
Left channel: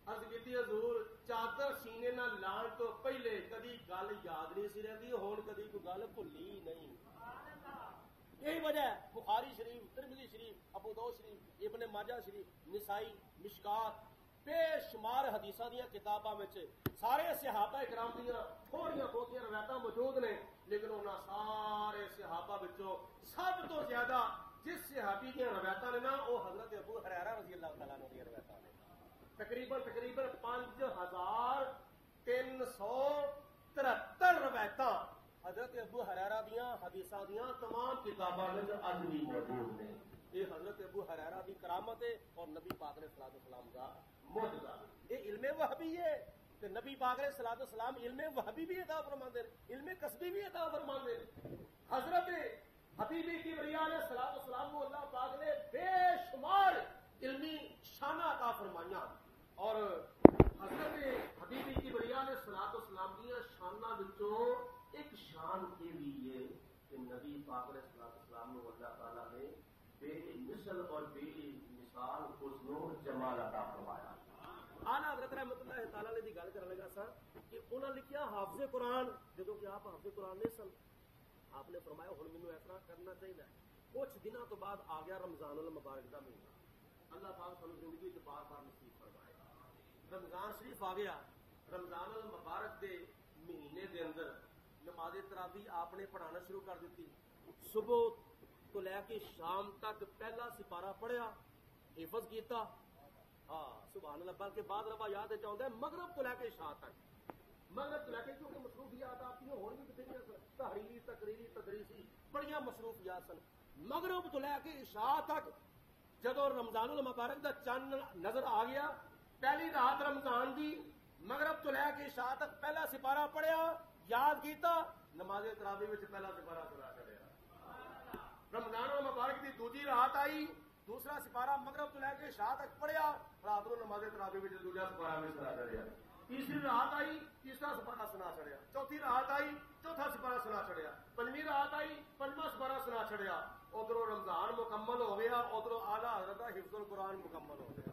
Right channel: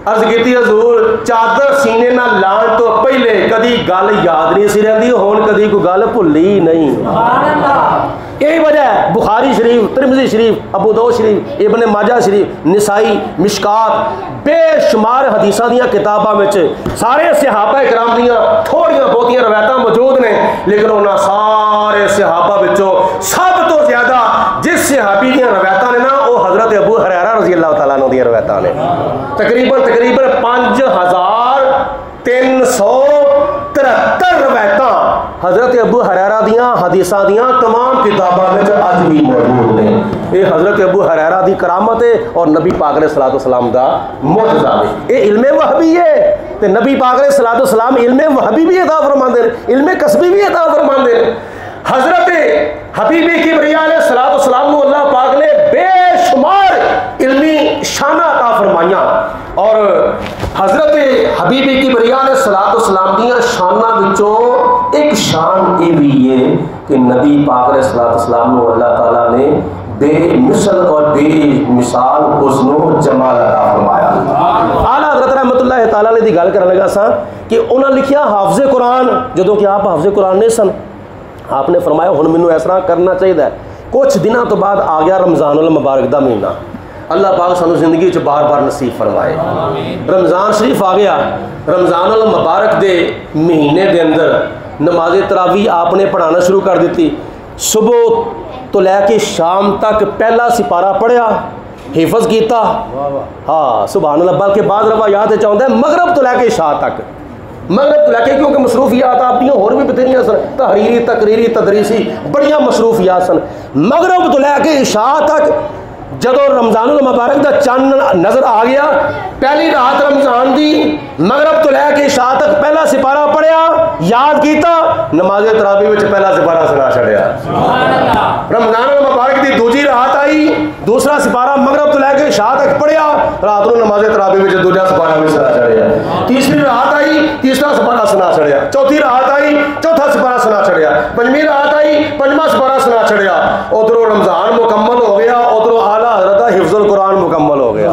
عرض کیتی حضور چادر سینے نال لان تو پہلے کدی گل یاد نہیں سی رہندی، ہن کدی کوئی گل بھلی نہیں۔ سبحان اللہ۔ یہی وجہ ہے بخاری شریف، ترمذی شریف، ابو داؤد شریف، ابن ماجہ شریف، نسائی، مشکات، بے شمار حدیثاں دیاں کتاباں وچ سارے صحابہ کرام دیاں تھوڑیاں بہتیاں روایتاں موجود نے، لیکن انہاں سارے صحابہ وچوں سب تو زیادہ جس صحابی دیاں روایتاں نے نا وہ حضرت ابو ہریرہ رضی اللہ تعالیٰ عنہ دیاں روایتاں نے، تقریباً 5373 روایتاں حضرت ابو ہریرہ دیاں حدیثاں دیاں تمام کتاباں وچ اج بھی موجود نے۔ یہ حضرت ابو ہریرہ دی کرامت ہے اور نبی پاک علیہ الصلوۃ والسلام دا معجزہ ہے۔ یہ علم وحبی ہے تے نبی پاک علیہ الصلوۃ والسلام علم وحبی بھی عطا فرماندے ہیں، علم کسبی بھی عطا فرماندے ہیں۔ حضرت حبیب کبریا علیہ الصلوۃ والسلام کو اللہ پاک نے بے شمار علمی شانہ عطا فرمائیاں، اور حضرت حبیب کبریا علیہ الصلوۃ والسلام دیاں شاناں وچوں ایک شان یہ بھی ہے کہ نبی پاک علیہ الصلوۃ والسلام کو اللہ تعالیٰ نے بے مثل اور بے مثال حسن و جمال عطا فرمایا۔ اعلیٰ حضرت رحمۃ اللہ تعالیٰ نے دی گل کرنے لگا سا کہ انہاں لکھیا حافظ قرآن، جدوں کہ آپ حافظ قرآن نہیں سن، آپ نے فرمایا ہن مینوں اس طرح کرنا چاہیے۔ کچھ دنوں تو بعد آ گیا رمضان المبارک دا مہینہ، اللہ پاک سانو زندگی چ بار بار نصیب فرمائے۔ رمضان شریف آ گیا، رمضان المبارک دے مہینے دے اندر نماز تراویح آپ نے پڑھانا شروع کر دیتی، صبح تو لے کے شام تک پہلا سپارہ پڑھیا، حفظ کیتا، ہاں سبحان اللہ، بلکہ بعض روایات چاہتا ہے مغرب تو لے کے عشاء تک، مغرب تو لے کے، کیونکہ مصروفیات آپ دیاں اور بھی بتھیریاں سن، تحریری تقریری تدریسی بڑیاں مصروفیات سن، مغرب تو لے کے عشاء تک جدو رمضان المبارک دا چند نظر آ گیا، پہلی رات رمضان دی مغرب تو لے کے عشاء تک پہلا سپارہ پڑھیا، یاد کیتا، نماز تراویح وچ پہلا سپارہ سنا چھڑیا۔ رمضان المبارک دی دوسری رات آئی، دوسرا سپارہ مغرب تو لے کے عشاء تک پڑھیا، رات نو نماز تراویح وچ دوسرا سپارہ بھی سنا چھڑیا۔ تیسری رات آئی، تیسرا سپارہ سنا چھڑیا۔ چوتھی رات آئی، چوتھا سپارہ سنا چھڑیا۔ پنجویں رات آئی، پنجواں سپارہ سنا چھڑیا۔ ادھروں رمضان مکمل ہو گیا، ادھروں اعلیٰ حضرت حفظ القرآن مکمل ہو گیا۔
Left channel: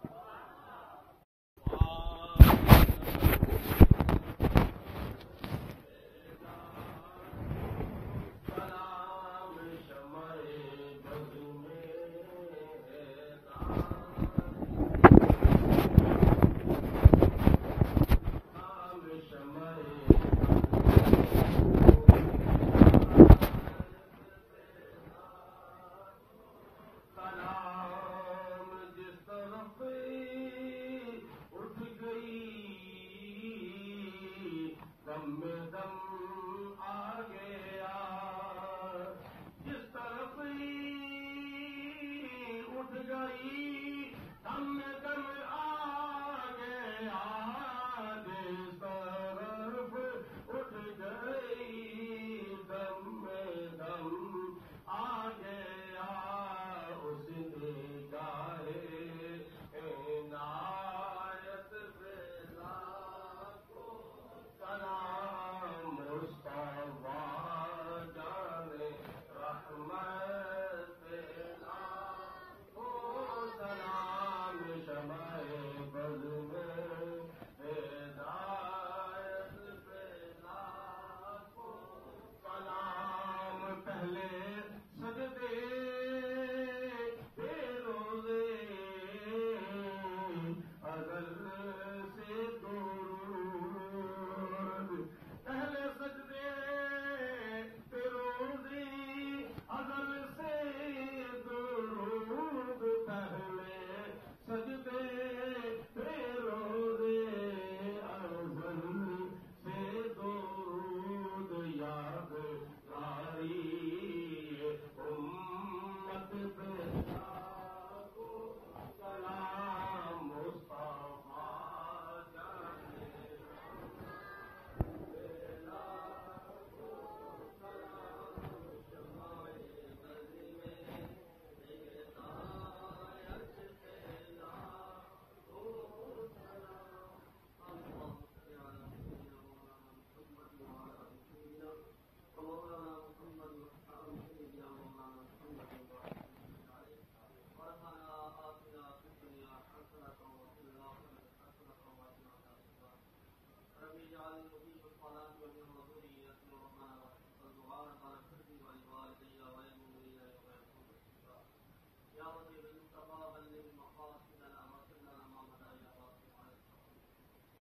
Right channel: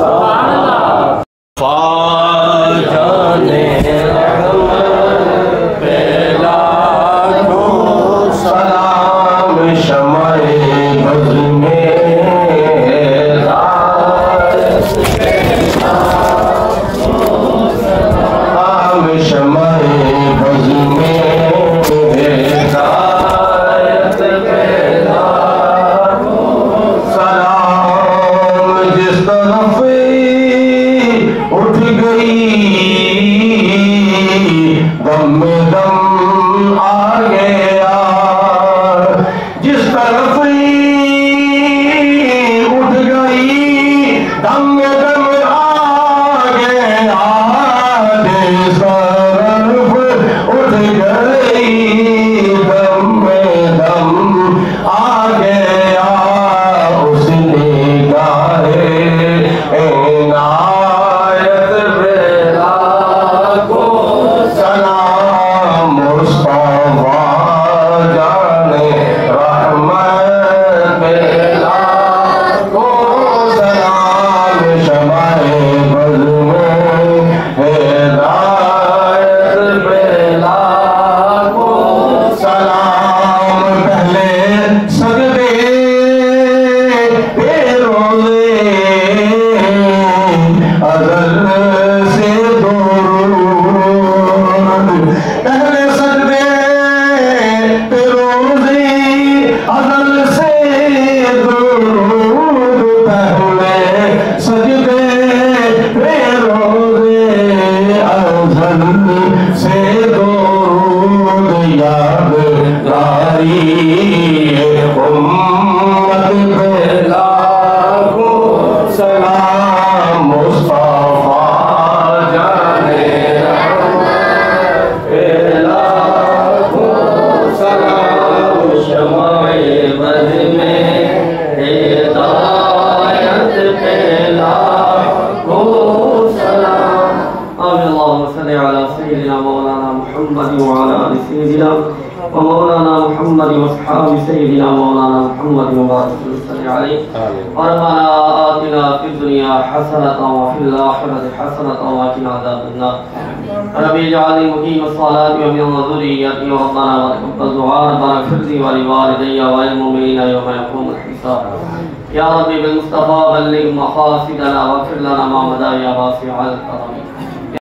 اللهم صل على سيدنا مولانا محمد وعلى آل سيدنا ومولانا محمد واصحاب سيدنا مولانا محمد وبارك وسلم عليه. ربنا آتنا في الدنيا حسنة وفي الآخرة حسنة وقنا عذاب النار. رب اجعلني مقيم الصلاة ومن ذريتي ربنا وتقبل دعاء ربنا اغفر لي ولوالدي وللمؤمنين يوم يقوم الحساب. يا رب بالمصطفى بلغ مقاصدنا واغفر لنا ما مضى يا واسع الكرم